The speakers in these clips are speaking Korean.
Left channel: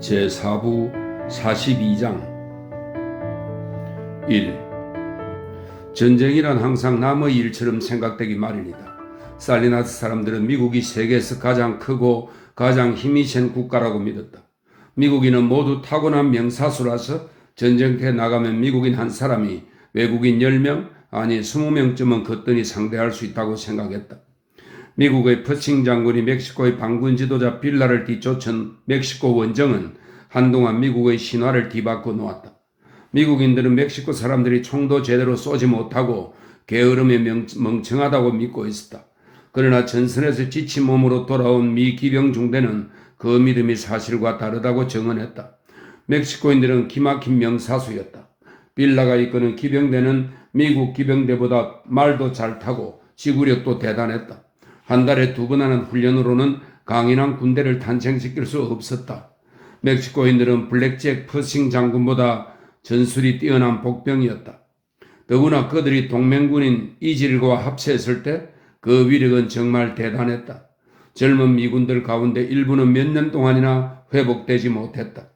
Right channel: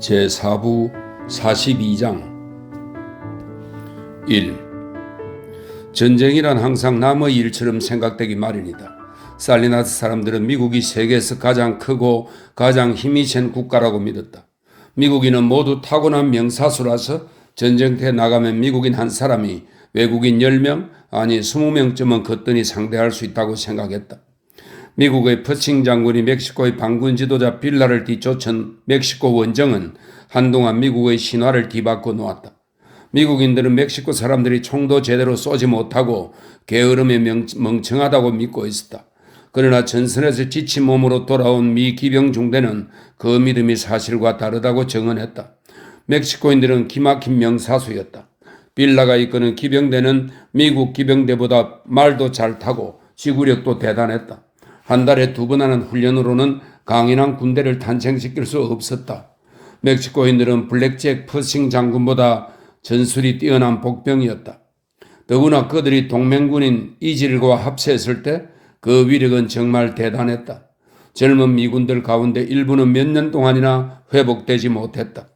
제4부 42장 1. 전쟁이란 항상 남의 일처럼 생각되기 마련이다. 살리나스 사람들은 미국이 세계에서 가장 크고 가장 힘이 센 국가라고 믿었다. 미국인은 모두 타고난 명사수라서 전쟁터에 나가면 미국인 한 사람이 외국인 10명 아니 20명쯤은 거뜬히 상대할 수 있다고 생각했다. 미국의 퍼싱 장군이 멕시코의 반군 지도자 빌라를 뒤쫓은 멕시코 원정은 한동안 미국의 신화를 뒤바꿔 놓았다. 미국인들은 멕시코 사람들이 총도 제대로 쏘지 못하고 게으름에 멍청하다고 믿고 있었다. 그러나 전선에서 지친 몸으로 돌아온 미 기병 중대는 그 믿음이 사실과 다르다고 증언했다. 멕시코인들은 기막힌 명사수였다. 빌라가 이끄는 기병대는 미국 기병대보다 말도 잘 타고 지구력도 대단했다. 한 달에 2번 하는 훈련으로는 강인한 군대를 탄생시킬 수 없었다. 멕시코인들은 블랙잭 퍼싱 장군보다 전술이 뛰어난 복병이었다. 더구나 그들이 동맹군인 이질과 합세했을 때 그 위력은 정말 대단했다. 젊은 미군들 가운데 일부는 몇 년 동안이나 회복되지 못했다.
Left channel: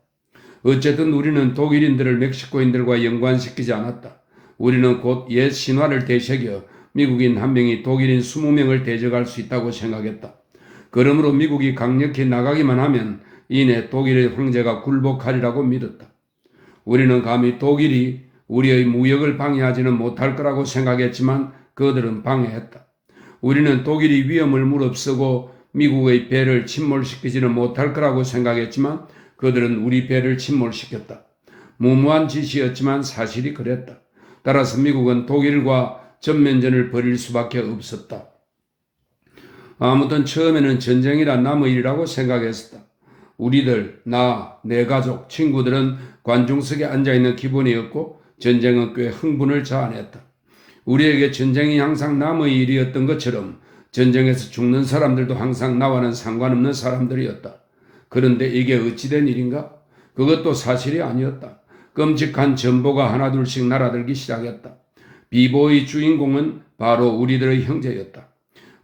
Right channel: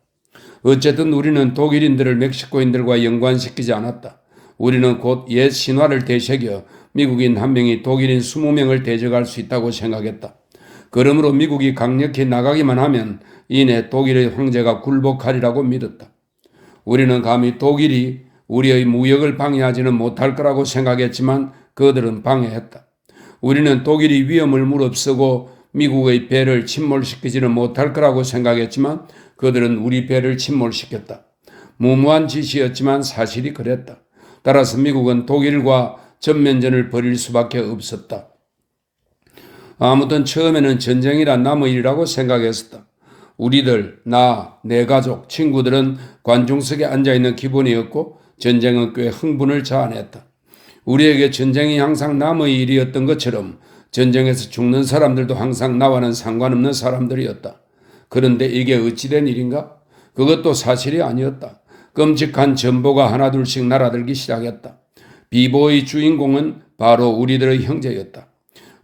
어쨌든 우리는 독일인들을 멕시코인들과 연관시키지 않았다. 우리는 곧 옛 신화를 되새겨 미국인 한 명이 독일인 20명을 대적할 수 있다고 생각했다. 그러므로 미국이 강력히 나가기만 하면 이내 독일의 황제가 굴복하리라고 믿었다. 우리는 감히 독일이 우리의 무역을 방해하지는 못할 거라고 생각했지만 그들은 방해했다. 우리는 독일이 위험을 무릅쓰고 미국의 배를 침몰시키지는 못할 거라고 생각했지만 그들은 우리 배를 침몰시켰다. 무모한 짓이었지만 사실이 그랬다. 따라서 미국은 독일과 전면전을 벌일 수밖에 없었다. 아무튼 처음에는 전쟁이란 남의 일이라고 생각했었다. 우리들, 나, 내 가족, 친구들은 관중석에 앉아있는 기분이었고 전쟁은 꽤 흥분을 자아냈다. 우리에게 전쟁이 항상 남의 일이었던 것처럼 전쟁에서 죽는 사람들도 항상 나와는 상관없는 사람들이었다. 그런데 이게 어찌된 일인가? 그것도 사실이 아니었다. 끔찍한 전보가 하나둘씩 날아들기 시작했다. 비보의 주인공은 바로 우리들의 형제였다.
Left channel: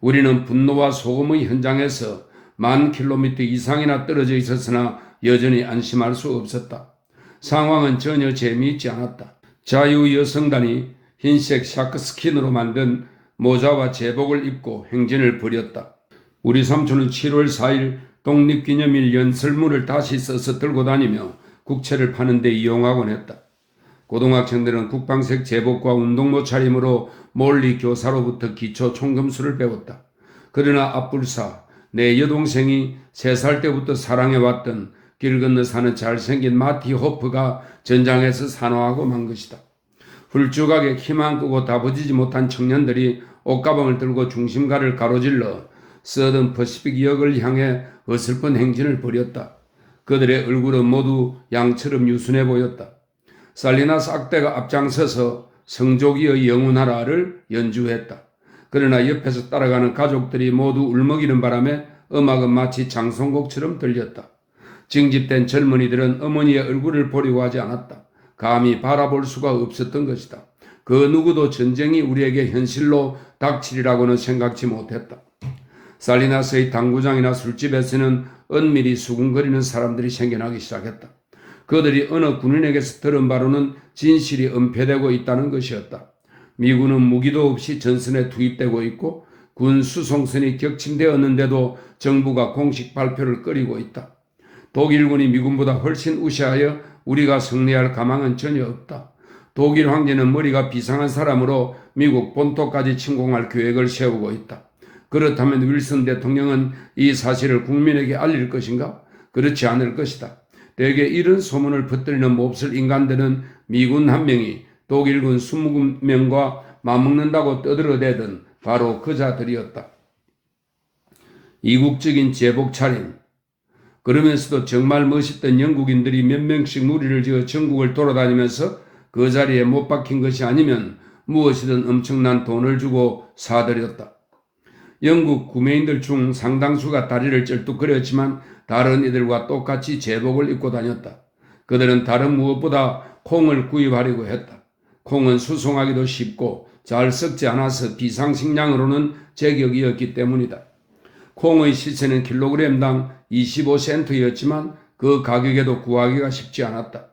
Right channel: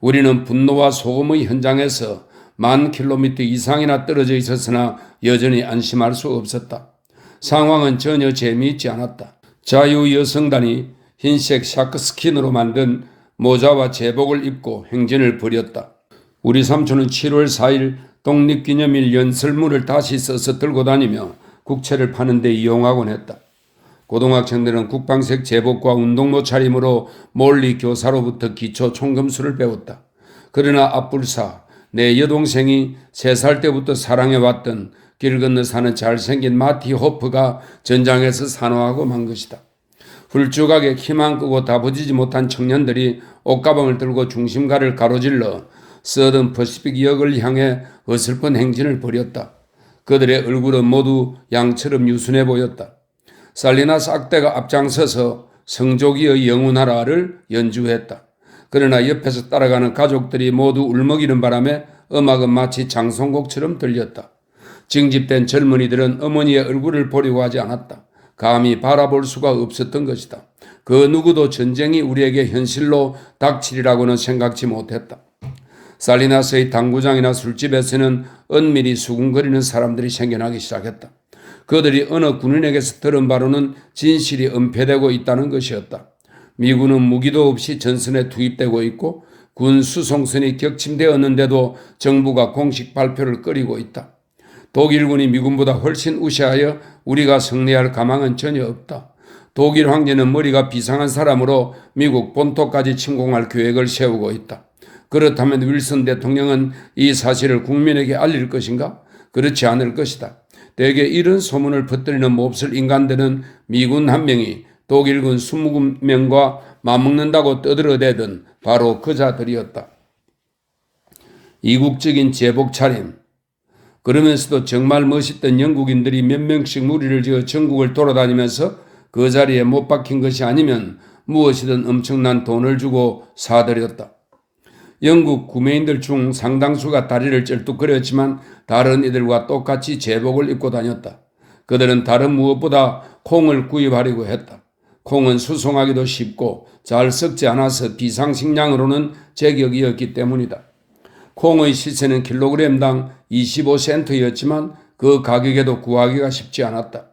우리는 분노와 소금의 현장에서 10,000km 이상이나 떨어져 있었으나 여전히 안심할 수 없었다. 상황은 전혀 재미있지 않았다. 자유여성단이 흰색 샤크스킨으로 만든 모자와 제복을 입고 행진을 벌였다. 우리 삼촌은 7월 4일 독립기념일 연설문을 다시 써서 들고 다니며 국채를 파는 데 이용하곤 했다. 고등학생들은 국방색 제복과 운동모 차림으로 몰리 교사로부터 기초 총검술을 배웠다. 그러나 앞불사, 내 여동생이 3살 때부터 사랑해왔던 길 건너 사는 잘생긴 마티 호프가 전장에서 산호하고 만 것이다. 훌쭉하게 키만 끄고 다부지지 못한 청년들이 옷가방을 들고 중심가를 가로질러 서든 퍼시픽역을 향해 어설픈 행진을 벌였다. 그들의 얼굴은 모두 양처럼 유순해 보였다. 살리나스 악대가 앞장서서 성조기의 영운하라를 연주했다. 그러나 옆에서 따라가는 가족들이 모두 울먹이는 바람에 음악은 마치 장송곡처럼 들렸다. 징집된 젊은이들은 어머니의 얼굴을 보려고 하지 않았다. 감히 바라볼 수가 없었던 것이다. 그 누구도 전쟁이 우리에게 현실로 닥치리라고는 생각지 못했다. 살리나스의 당구장이나 술집에서는 은밀히 수군거리는 사람들이 생겨나기 시작했다. 그들이 어느 군인에게서 들은 바로는 진실이 은폐되고 있다는 것이었다. 미군은 무기도 없이 전선에 투입되고 있고 군 수송선이 격침되었는데도 정부가 공식 발표를 꺼리고 있다. 독일군이 미군보다 훨씬 우세하여 우리가 승리할 가망은 전혀 없다. 독일 황제는 머리가 비상한 사람으로 미국 본토까지 침공할 계획을 세우고 있다. 그렇다면 윌슨 대통령은 이 사실을 국민에게 알릴 것인가? 그렇지 않을 것이다. 대개 이런 소문을 퍼뜨리는 몹쓸 인간들은 미군 한 명이 독일군 20명과 맞먹는다고 떠들어대던 바로 그 자들이었다. 이국적인 제복 차림. 그러면서도 정말 멋있던 영국인들이 몇 명씩 무리를 지어 전국을 돌아다니면서 그 자리에 못 박힌 것이 아니면 무엇이든 엄청난 돈을 주고 사들였다. 영국 구매인들 중 상당수가 다리를 쩔뚝거렸지만 다른 이들과 똑같이 제복을 입고 다녔다. 그들은 다른 무엇보다 콩을 구입하려고 했다. 콩은 수송하기도 쉽고 잘 썩지 않아서 비상식량으로는 제격이었기 때문이다. 콩의 시세는 킬로그램당 25센트였지만 그 가격에도 구하기가 쉽지 않았다.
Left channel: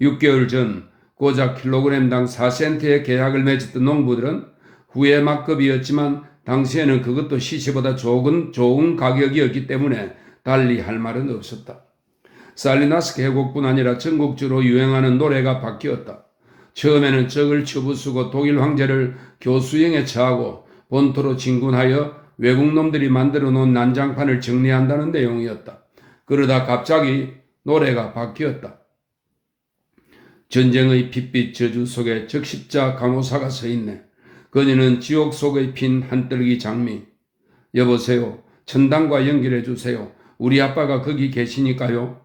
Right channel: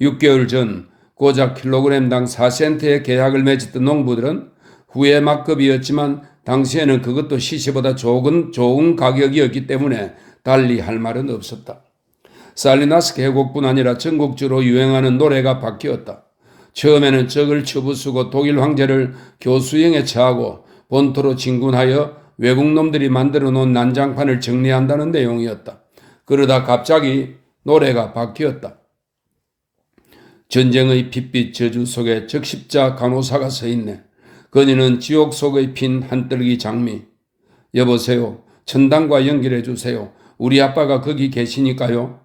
6개월 전 고작 킬로그램당 4센트의 계약을 맺었던 농부들은 후에 막급이었지만 당시에는 그것도 시세보다 좋은 가격이었기 때문에 달리 할 말은 없었다. 살리나스 계곡뿐 아니라 전국적으로 유행하는 노래가 바뀌었다. 처음에는 적을 처부수고 독일 황제를 교수형에 처하고 본토로 진군하여 외국놈들이 만들어 놓은 난장판을 정리한다는 내용이었다. 그러다 갑자기 노래가 바뀌었다. 전쟁의 핏빛 저주 속에 적십자 간호사가 서 있네. 그녀는 지옥 속의 핀 한떨기 장미. 여보세요. 천당과 연결해 주세요. 우리 아빠가 거기 계시니까요.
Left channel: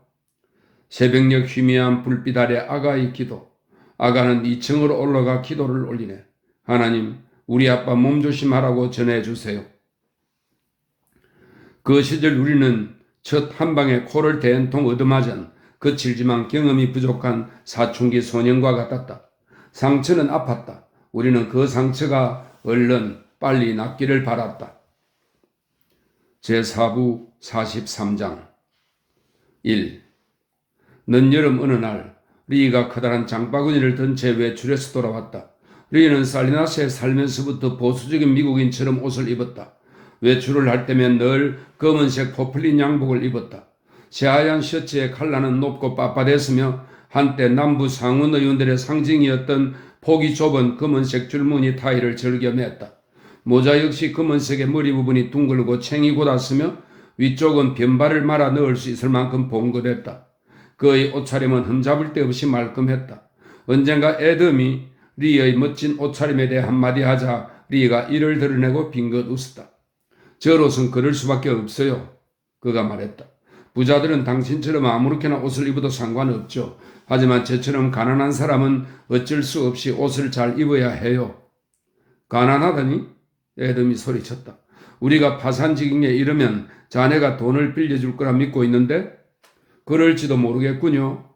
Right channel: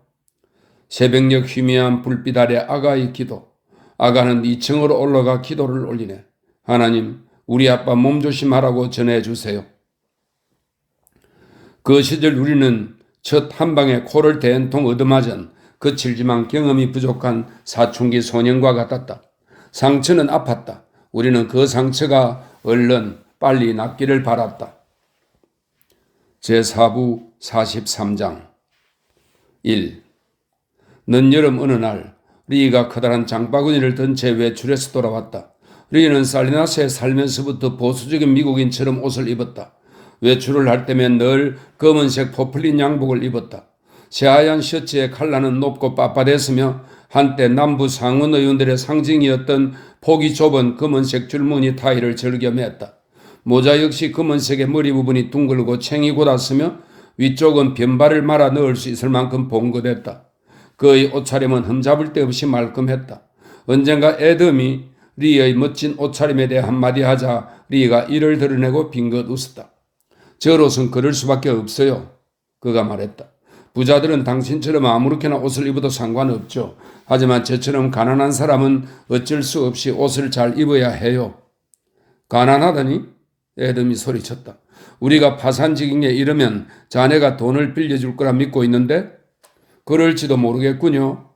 새벽녘 희미한 불빛 아래 아가의 기도. 아가는 2층으로 올라가 기도를 올리네. 하나님, 우리 아빠 몸조심하라고 전해주세요. 그 시절 우리는 첫 한방에 코를 대한통 얻어맞은 거칠지만 경험이 부족한 사춘기 소년과 같았다. 상처는 아팠다. 우리는 그 상처가 얼른 빨리 낫기를 바랐다. 제4부 43장 1. 늦여름 어느 날 리가 커다란 장바구니를 든 채 외출해서 돌아왔다. 리는 살리나스에 살면서부터 보수적인 미국인처럼 옷을 입었다. 외출을 할 때면 늘 검은색 포플린 양복을 입었다. 새하얀 셔츠의 칼라는 높고 빳빳했으며 한때 남부 상원 의원들의 상징이었던 폭이 좁은 검은색 줄무늬 타이를 즐겨 맸다. 모자 역시 검은색의 머리 부분이 둥글고 챙이 곧았으며 위쪽은 변발을 말아 넣을 수 있을 만큼 봉긋했다. 그의 옷차림은 흠잡을 데 없이 말끔했다. 언젠가 애덤이 리의 멋진 옷차림에 대해 한마디 하자 리가 이를 드러내고 빙긋 웃었다. 저로선 그럴 수밖에 없어요. 그가 말했다. 부자들은 당신처럼 아무렇게나 옷을 입어도 상관없죠. 하지만 저처럼 가난한 사람은 어쩔 수 없이 옷을 잘 입어야 해요. 가난하다니? 애덤이 소리쳤다. 우리가 파산지경에 이르면 자네가 돈을 빌려줄 거라 믿고 있는데? 그럴지도 모르겠군요.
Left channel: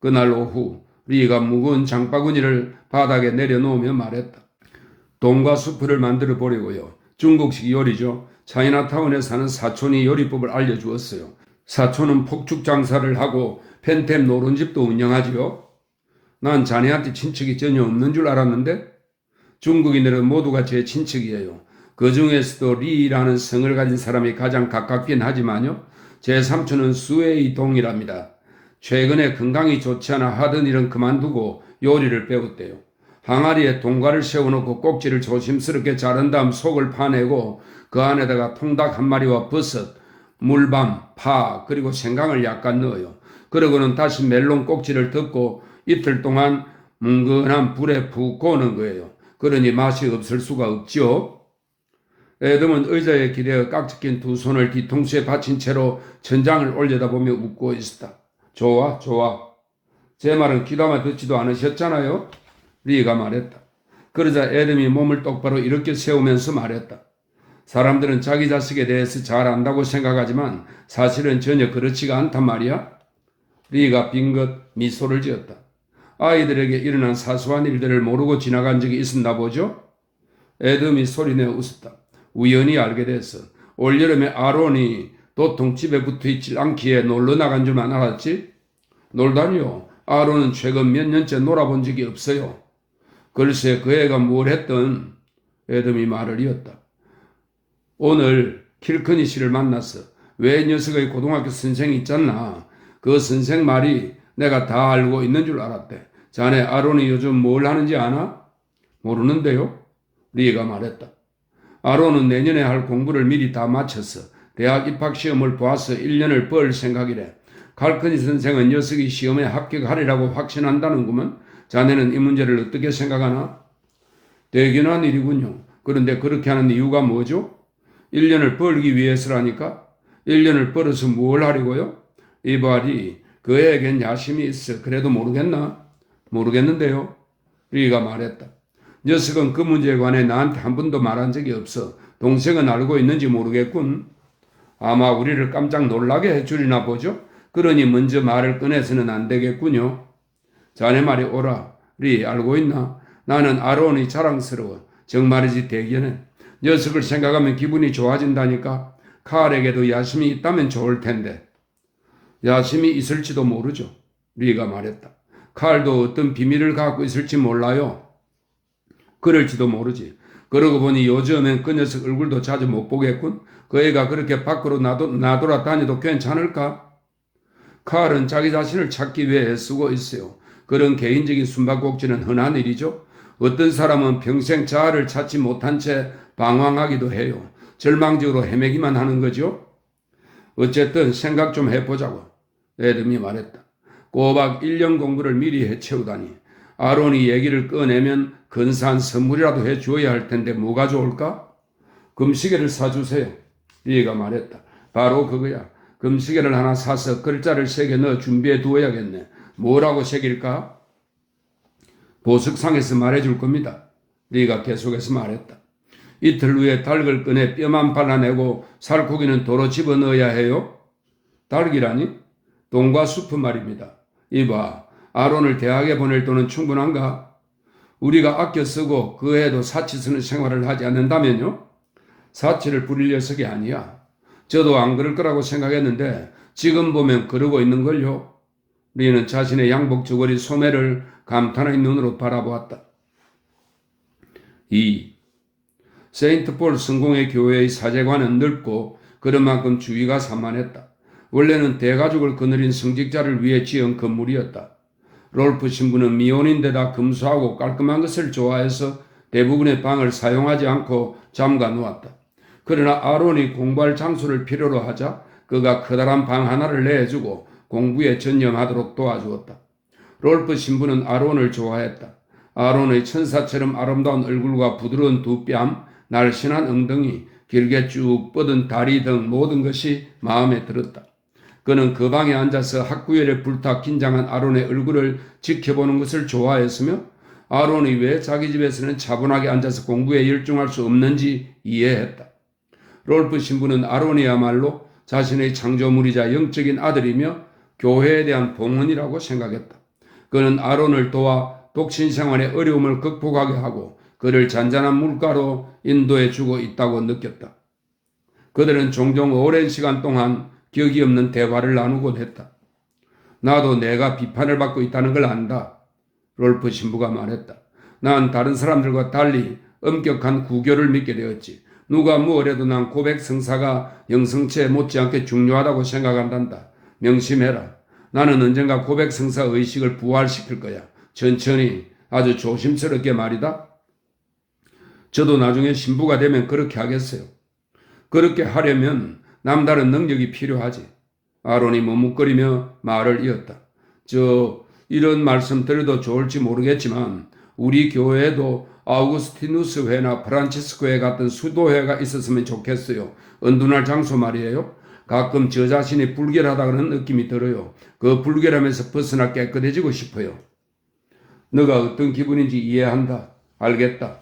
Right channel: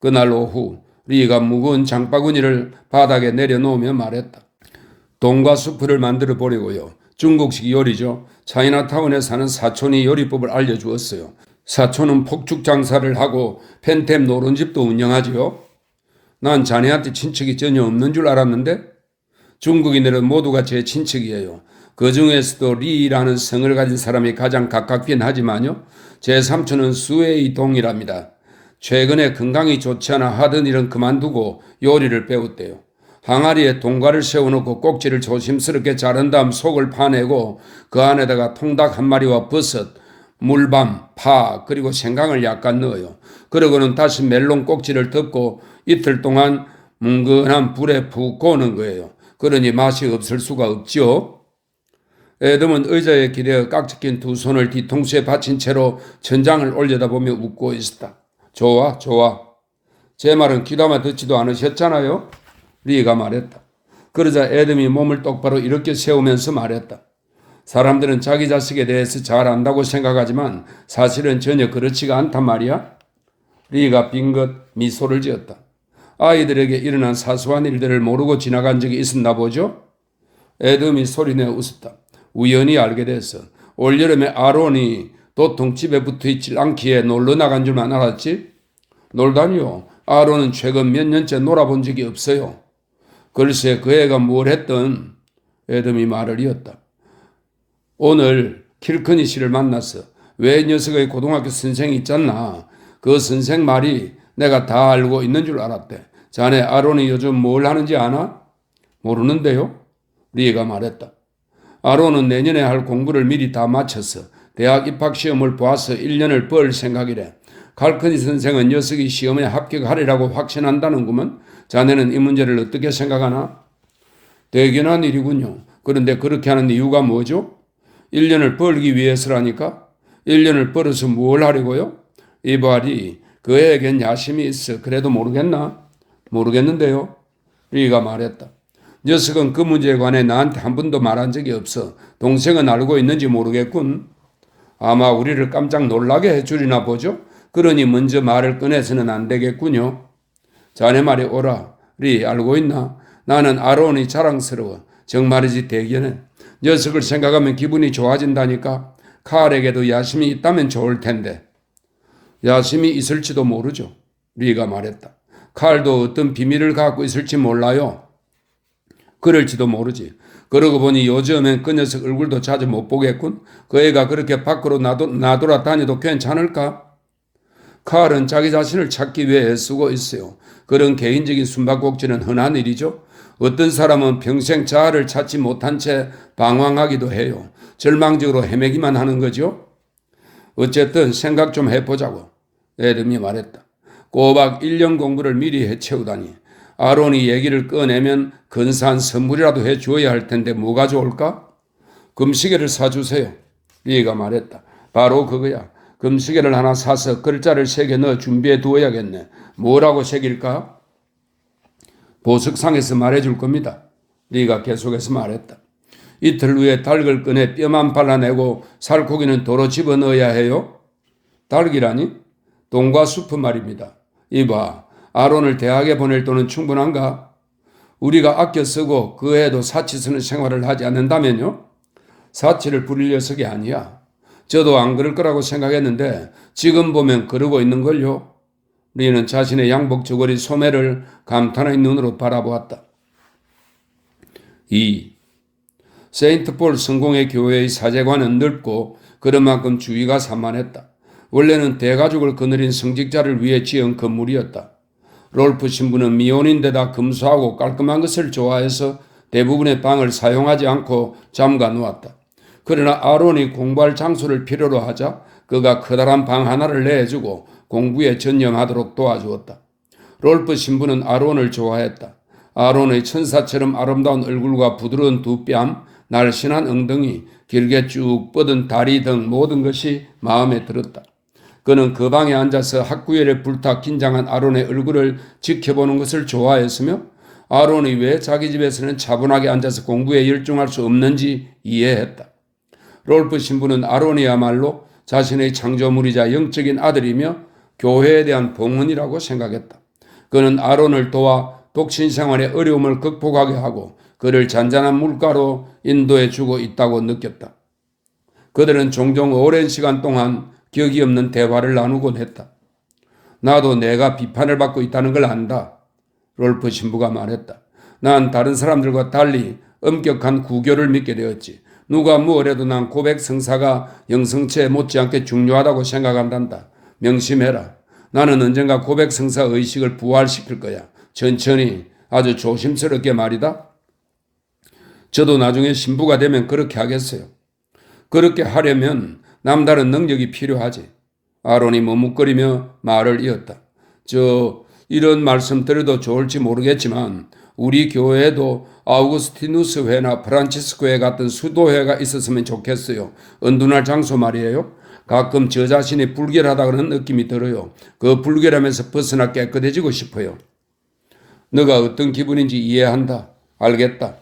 그날 오후 리가 무거운 장바구니를 바닥에 내려놓으며 말했다. 돈과 수프를 만들어 보려고요. 중국식 요리죠. 차이나타운에 사는 사촌이 요리법을 알려주었어요. 사촌은 폭죽 장사를 하고 펜템 노른집도 운영하지요. 난 자네한테 친척이 전혀 없는 줄 알았는데 중국인들은 모두가 제 친척이에요. 그 중에서도 리라는 성을 가진 사람이 가장 가깝긴 하지만요. 제 삼촌은 수웨이 동이랍니다. 최근에 건강이 좋지 않아 하던 일은 그만두고 요리를 배웠대요. 항아리에 동과를 세워놓고 꼭지를 조심스럽게 자른 다음 속을 파내고 그 안에다가 통닭 한 마리와 버섯, 물밤, 파 그리고 생강을 약간 넣어요. 그러고는 다시 멜론 꼭지를 덮고 이틀 동안 뭉근한 불에 푹 구우는 거예요. 그러니 맛이 없을 수가 없지요. 애덤은 의자에 기대어 깍지 낀 두 손을 뒤통수에 받친 채로 천장을 올려다보며 웃고 있었다. 좋아, 좋아. 제 말은 귀담아 듣지도 않으셨잖아요. 리가 말했다. 그러자 애덤이 몸을 똑바로 이렇게 세우면서 말했다. 사람들은 자기 자식에 대해서 잘 안다고 생각하지만 사실은 전혀 그렇지가 않단 말이야. 리가 빙긋 미소를 지었다. 아이들에게 일어난 사소한 일들을 모르고 지나간 적이 있었나 보죠? 애덤이 소리내어 웃었다. 우연히 알게 됐어. 올여름에 아론이 도통 집에 붙어있질 않기에 놀러 나간 줄만 알았지? 놀다니요. 아론은 최근 몇 년째 놀아본 적이 없어요. 글쎄 그 애가 뭘 했든 애덤이 말을 이었다. 오늘 킬커니 씨를 만났어. 왜 녀석의 고등학교 선생이 있잖나. 그 선생 말이 내가 다 알고 있는 줄 알았대. 자네 아론이 요즘 뭘 하는지 아나? 모르는데요. 리가 말했다. 아론은 내년에 할 공부를 미리 다 마쳤어. 대학 입학시험을 보아서 1년을 벌 생각이래. 칼커니 선생은 녀석이 시험에 합격하리라고 확신한다는구먼. 자네는 이 문제를 어떻게 생각하나? 대견한 일이군요. 그런데 그렇게 하는 이유가 뭐죠? 1년을 벌기 위해서라니까? 1년을 벌어서 뭘 하려고요? 이발이 그 애에겐 야심이 있어. 그래도 모르겠나? 모르겠는데요. 리가 말했다. 녀석은 그 문제에 관해 나한테 한 번도 말한 적이 없어. 동생은 알고 있는지 모르겠군. 아마 우리를 깜짝 놀라게 해주리나 보죠. 그러니 먼저 말을 꺼내서는 안 되겠군요. 자네 말이 옳아. 리 알고 있나? 나는 아론이 자랑스러워. 정말이지 대견해. 녀석을 생각하면 기분이 좋아진다니까. 칼에게도 야심이 있다면 좋을 텐데. 야심이 있을지도 모르죠. 리가 말했다. 칼도 어떤 비밀을 갖고 있을지 몰라요. 그럴지도 모르지. 그러고 보니 요즘엔 그 녀석 얼굴도 자주 못 보겠군. 그 애가 그렇게 밖으로 나돌아다녀도 괜찮을까? 칼은 자기 자신을 찾기 위해 애쓰고 있어요. 그런 개인적인 숨바꼭질은 흔한 일이죠. 어떤 사람은 평생 자아를 찾지 못한 채 방황하기도 해요. 절망적으로 헤매기만 하는 거죠. 어쨌든 생각 좀 해보자고 에덤이 말했다. 꼬박 1년 공부를 미리 해채우다니. 아론이 얘기를 꺼내면 근사한 선물이라도 해주어야 할 텐데 뭐가 좋을까? 금시계를 사주세요. 리가 말했다. 바로 그거야. 금시계를 하나 사서 글자를 3개 넣어 준비해 두어야겠네. 뭐라고 새길까? 보석상에서 말해줄 겁니다. 리가 계속해서 말했다. 이틀 후에 닭을 꺼내 뼈만 발라내고 살코기는 도로 집어넣어야 해요? 닭이라니? 돈과 수프 말입니다. 이봐, 아론을 대학에 보낼 돈은 충분한가? 우리가 아껴 쓰고 그 애도 사치 쓰는 생활을 하지 않는다면요? 사치를 부릴 녀석이 아니야. 저도 안 그럴 거라고 생각했는데 지금 보면 그러고 있는걸요. 리는 자신의 양복 저고리 소매를 감탄의 눈으로 바라보았다. 2. 세인트폴 성공회 교회의 사제관은 넓고 그런 만큼 주위가 산만했다. 원래는 대가족을 거느린 성직자를 위해 지은 건물이었다. 롤프 신부는 미혼인데다 검소하고 깔끔한 것을 좋아해서 대부분의 방을 사용하지 않고 잠가 놓았다. 그러나 아론이 공부할 장소를 필요로 하자 그가 커다란 방 하나를 내주고 공부에 전념하도록 도와주었다. 롤프 신부는 아론을 좋아했다. 아론의 천사처럼 아름다운 얼굴과 부드러운 두 뺨, 날씬한 엉덩이, 길게 쭉 뻗은 다리 등 모든 것이 마음에 들었다. 그는 그 방에 앉아서 학구열에 불타 긴장한 아론의 얼굴을 지켜보는 것을 좋아했으며 아론이 왜 자기 집에서는 차분하게 앉아서 공부에 열중할 수 없는지 이해했다. 롤프 신부는 아론이야말로 자신의 창조물이자 영적인 아들이며 교회에 대한 봉헌이라고 생각했다. 그는 아론을 도와 독신 생활의 어려움을 극복하게 하고 그를 잔잔한 물가로 인도해 주고 있다고 느꼈다. 그들은 종종 오랜 시간 동안 격이 없는 대화를 나누곤 했다. 나도 내가 비판을 받고 있다는 걸 안다. 롤프 신부가 말했다. 난 다른 사람들과 달리 엄격한 구교를 믿게 되었지. 누가 무엇래도 난 고백 성사가 영성체에 못지않게 중요하다고 생각한단다. 명심해라. 나는 언젠가 고백 성사 의식을 부활시킬 거야. 천천히 아주 조심스럽게 말이다. 저도 나중에 신부가 되면 그렇게 하겠어요. 그렇게 하려면 남다른 능력이 필요하지. 아론이 머뭇거리며 말을 이었다. 이런 말씀 드려도 좋을지 모르겠지만 우리 교회에도 아우구스티누스 회나 프란치스코 회 같은 수도회가 있었으면 좋겠어요. 은둔할 장소 말이에요. 가끔 저 자신이 불결하다는 느낌이 들어요. 그 불결함에서 벗어나 깨끗해지고 싶어요. 너가 어떤 기분인지 이해한다. 알겠다.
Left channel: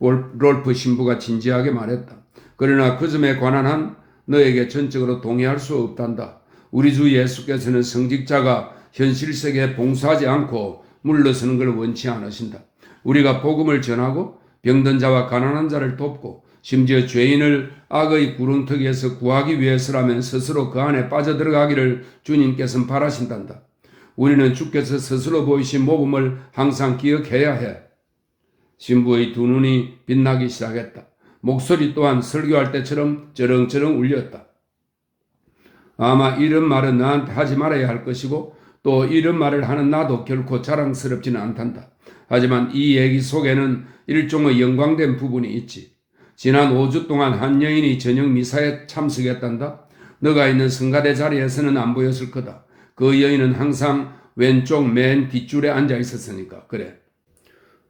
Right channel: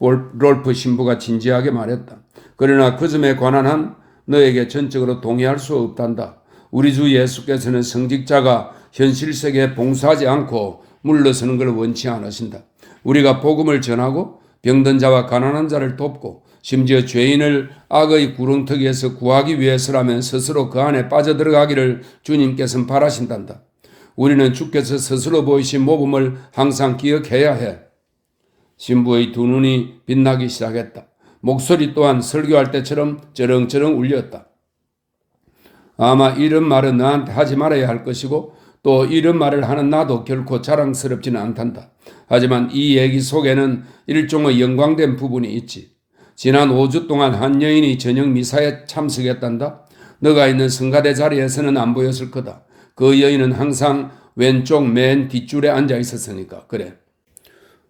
롤프 신부가 진지하게 말했다. 그러나 그 점에 관한 한 너에게 전적으로 동의할 수 없단다. 우리 주 예수께서는 성직자가 현실 세계에 봉사하지 않고 물러서는 걸 원치 않으신다. 우리가 복음을 전하고 병든 자와 가난한 자를 돕고 심지어 죄인을 악의 구렁텅이에서 구하기 위해서라면 스스로 그 안에 빠져들어가기를 주님께서는 바라신단다. 우리는 주께서 스스로 보이신 모범을 항상 기억해야 해. 신부의 두 눈이 빛나기 시작했다. 목소리 또한 설교할 때처럼 쩌렁쩌렁 울렸다. 아마 이런 말은 나한테 하지 말아야 할 것이고 또 이런 말을 하는 나도 결코 자랑스럽지는 않단다. 하지만 이 얘기 속에는 일종의 영광된 부분이 있지. 지난 5주 동안 한 여인이 저녁 미사에 참석했단다. 너가 있는 성가대 자리에서는 안 보였을 거다. 그 여인은 항상 왼쪽 맨 뒷줄에 앉아 있었으니까. 그래.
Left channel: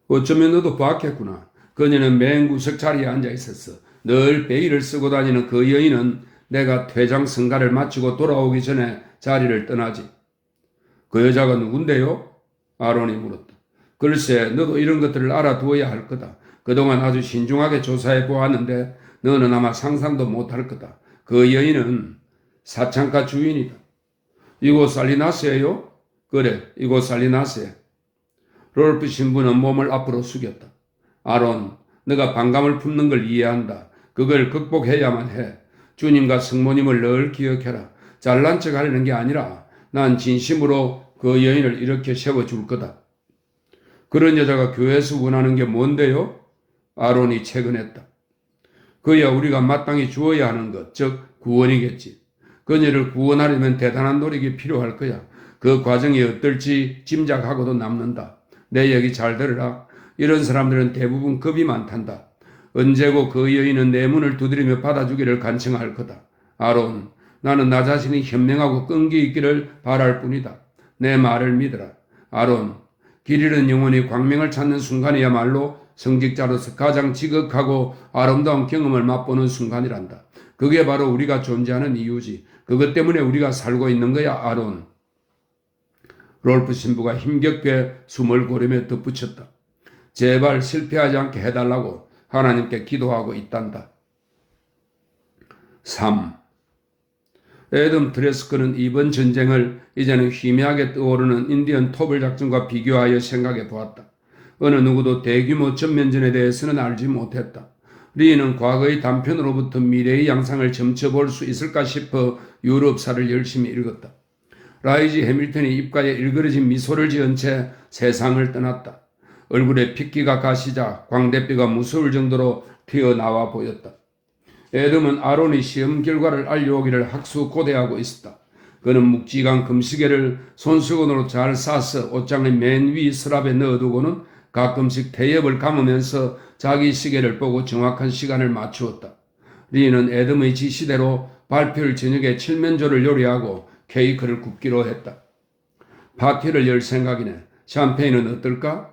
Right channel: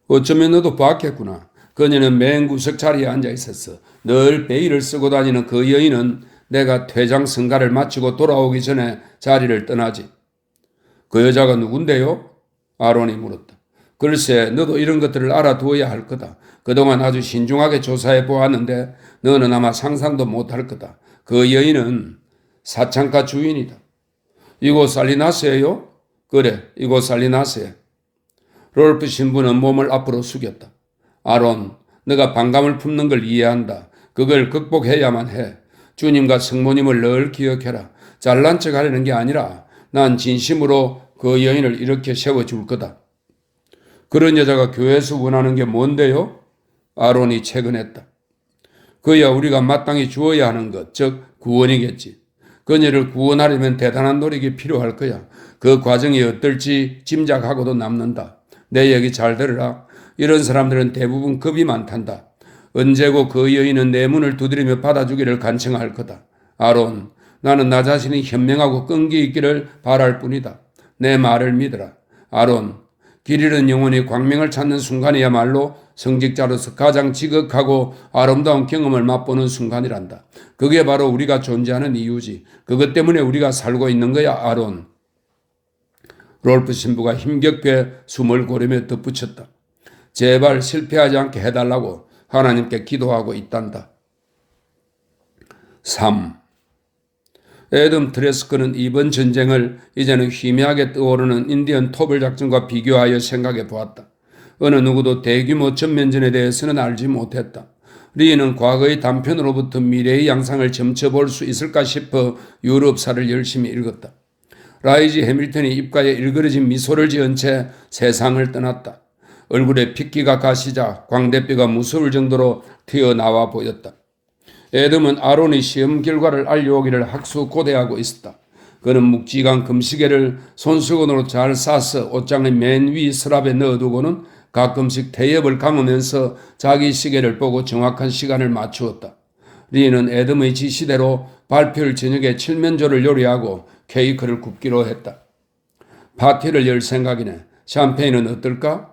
어쩌면 너도 봤겠구나. 그녀는 맨 구석 자리에 앉아 있었어. 늘 베일을 쓰고 다니는 그 여인은 내가 퇴장 성가를 마치고 돌아오기 전에 자리를 떠나지. 그 여자가 누군데요? 아론이 물었다. 글쎄, 너도 이런 것들을 알아두어야 할 거다. 그동안 아주 신중하게 조사해 보았는데 너는 아마 상상도 못할 거다. 그 여인은 사창가 주인이다. 이곳 살리나스예요? 그래, 이곳 살리나스에. 롤프 신부는 몸을 앞으로 숙였다. 아론, 너가 반감을 품는 걸 이해한다. 그걸 극복해야만 해. 주님과 성모님을 늘 기억해라. 잘난 척 하려는 게 아니라 난 진심으로 그 여인을 이렇게 세워줄 거다. 그런 여자가 교회에서 원하는 게 뭔데요? 아론이 채근했다. 그야 우리가 마땅히 주어야 하는 것, 즉 구원이겠지. 그녀를 구원하려면 대단한 노력이 필요할 거야. 그 과정이 어떨지 짐작하고도 남는다. 내 얘기 잘 들으라. 이런 사람들은 대부분 겁이 많단다. 언제고 그 여인은 내 문을 두드리며 받아주기를 간청할 거다. 아론, 나는 나 자신이 현명하고 끈기 있기를 바랄 뿐이다. 내 말을 믿어라. 아론, 길 잃은 영혼이 광명을 찾는 순간이야말로 성직자로서 가장 지극하고 아름다운 경험을 맛보는 순간이란다. 그게 바로 우리가 존재하는 이유지. 그것 때문에 우리가 살고 있는 거야, 아론. 롤프 신부가 힘겹게 숨을 고르며 덧붙였다. 제발 실패하지 않게 해달라고 하나님께 기도하고 있단다. 3. 애덤 트레스커는 이번 전쟁을 이제는 희미하게 떠오르는 인디언 토벌 작전과 비교하여 생각해 보았다. 어느 누구도 대규모 전면전에 대해서는 알지 못했다. 리는 과거의 단편으로부터 미래의 양상을 점쳐볼 수 있을까 싶어 유럽사를 열심히 읽었다. 라이지 해밀턴이 입가에 일그러진 미소를 지은 채 세상을 떠났다. 얼굴에 핏기가 가시자 광대뼈가 무서울 정도로 튀어나와 보였다. 애덤은 아론의 시험 결과를 알려오기를 학수고대하고 있었다. 그는 묵직한 금시계를 손수건으로 잘 싸서 옷장의 맨 위 서랍에 넣어두고는 가끔씩 태엽을 감으면서 자기 시계를 보고 정확한 시간을 맞추었다. 리는 애덤의 지시대로 발표일 저녁에 칠면조를 요리하고 케이크를 굽기로 했다. 파티를 열 생각이네. 샴페인은 어떨까?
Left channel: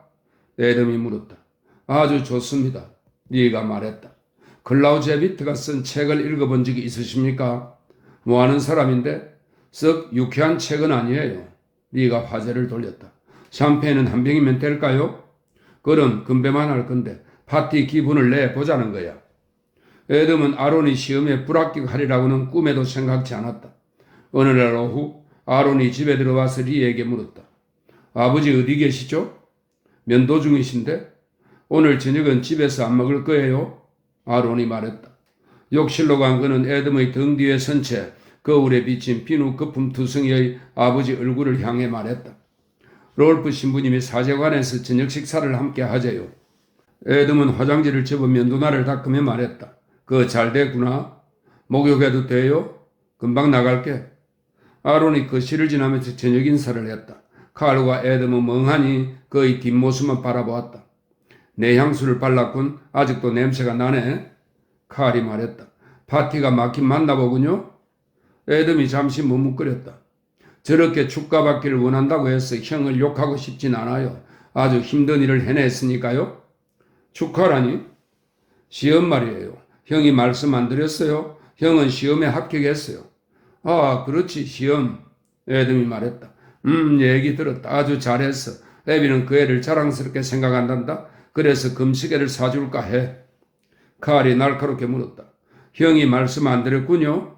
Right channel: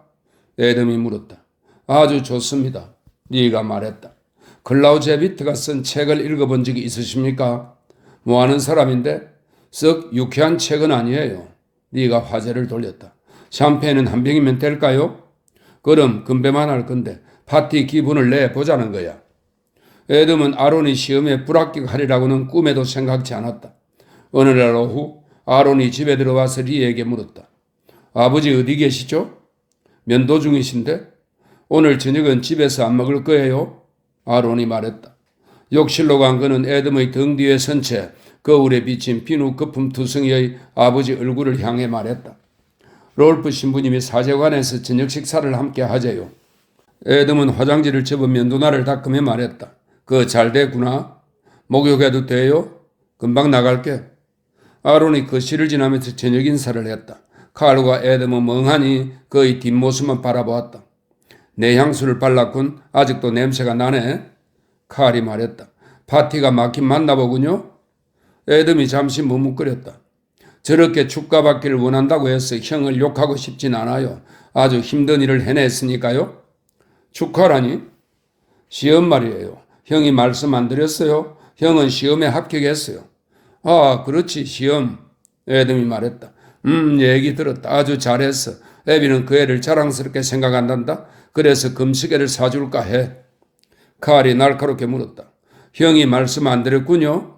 애덤이 물었다. 아주 좋습니다. 리가 말했다. 클라우제비트가 쓴 책을 읽어본 적이 있으십니까? 뭐하는 사람인데? 썩 유쾌한 책은 아니에요. 리가 화제를 돌렸다. 샴페인은 한 병이면 될까요? 그럼 건배만 할 건데 파티 기분을 내보자는 거야. 애덤은 아론이 시험에 불합격하리라고는 꿈에도 생각지 않았다. 어느 날 오후 아론이 집에 들어와서 리에게 물었다. 아버지 어디 계시죠? 면도 중이신데? 오늘 저녁은 집에서 안 먹을 거예요? 아론이 말했다. 욕실로 간 그는 애덤의 등 뒤에 선 채 거울에 비친 비누 거품 투성이의 아버지 얼굴을 향해 말했다. 롤프 신부님이 사제관에서 저녁 식사를 함께 하재요. 애덤은 화장지를 접어 면도날을 닦으며 말했다. 그거 잘 됐구나. 목욕해도 돼요? 금방 나갈게. 아론이 거실을 지나면서 저녁 인사를 했다. 칼과 애덤은 멍하니 그의 뒷모습만 바라보았다. 내 향수를 발랐군. 아직도 냄새가 나네. 칼이 말했다. 파티가 막힌 맞나보군요. 애덤이 잠시 머뭇거렸다. 저렇게 축가받기를 원한다고 해서 형을 욕하고 싶진 않아요. 아주 힘든 일을 해냈으니까요. 축하라니? 시험 말이에요. 형이 말씀 안 드렸어요? 형은 시험에 합격했어요. 아, 그렇지, 시험. 애덤이 말했다. 얘기 들었다. 아주 잘했어. 애비는 그 애를 자랑스럽게 생각한단다. 그래서 금시계를 사줄까 해. 칼이 날카롭게 물었다. 형이 말씀 안 드렸군요.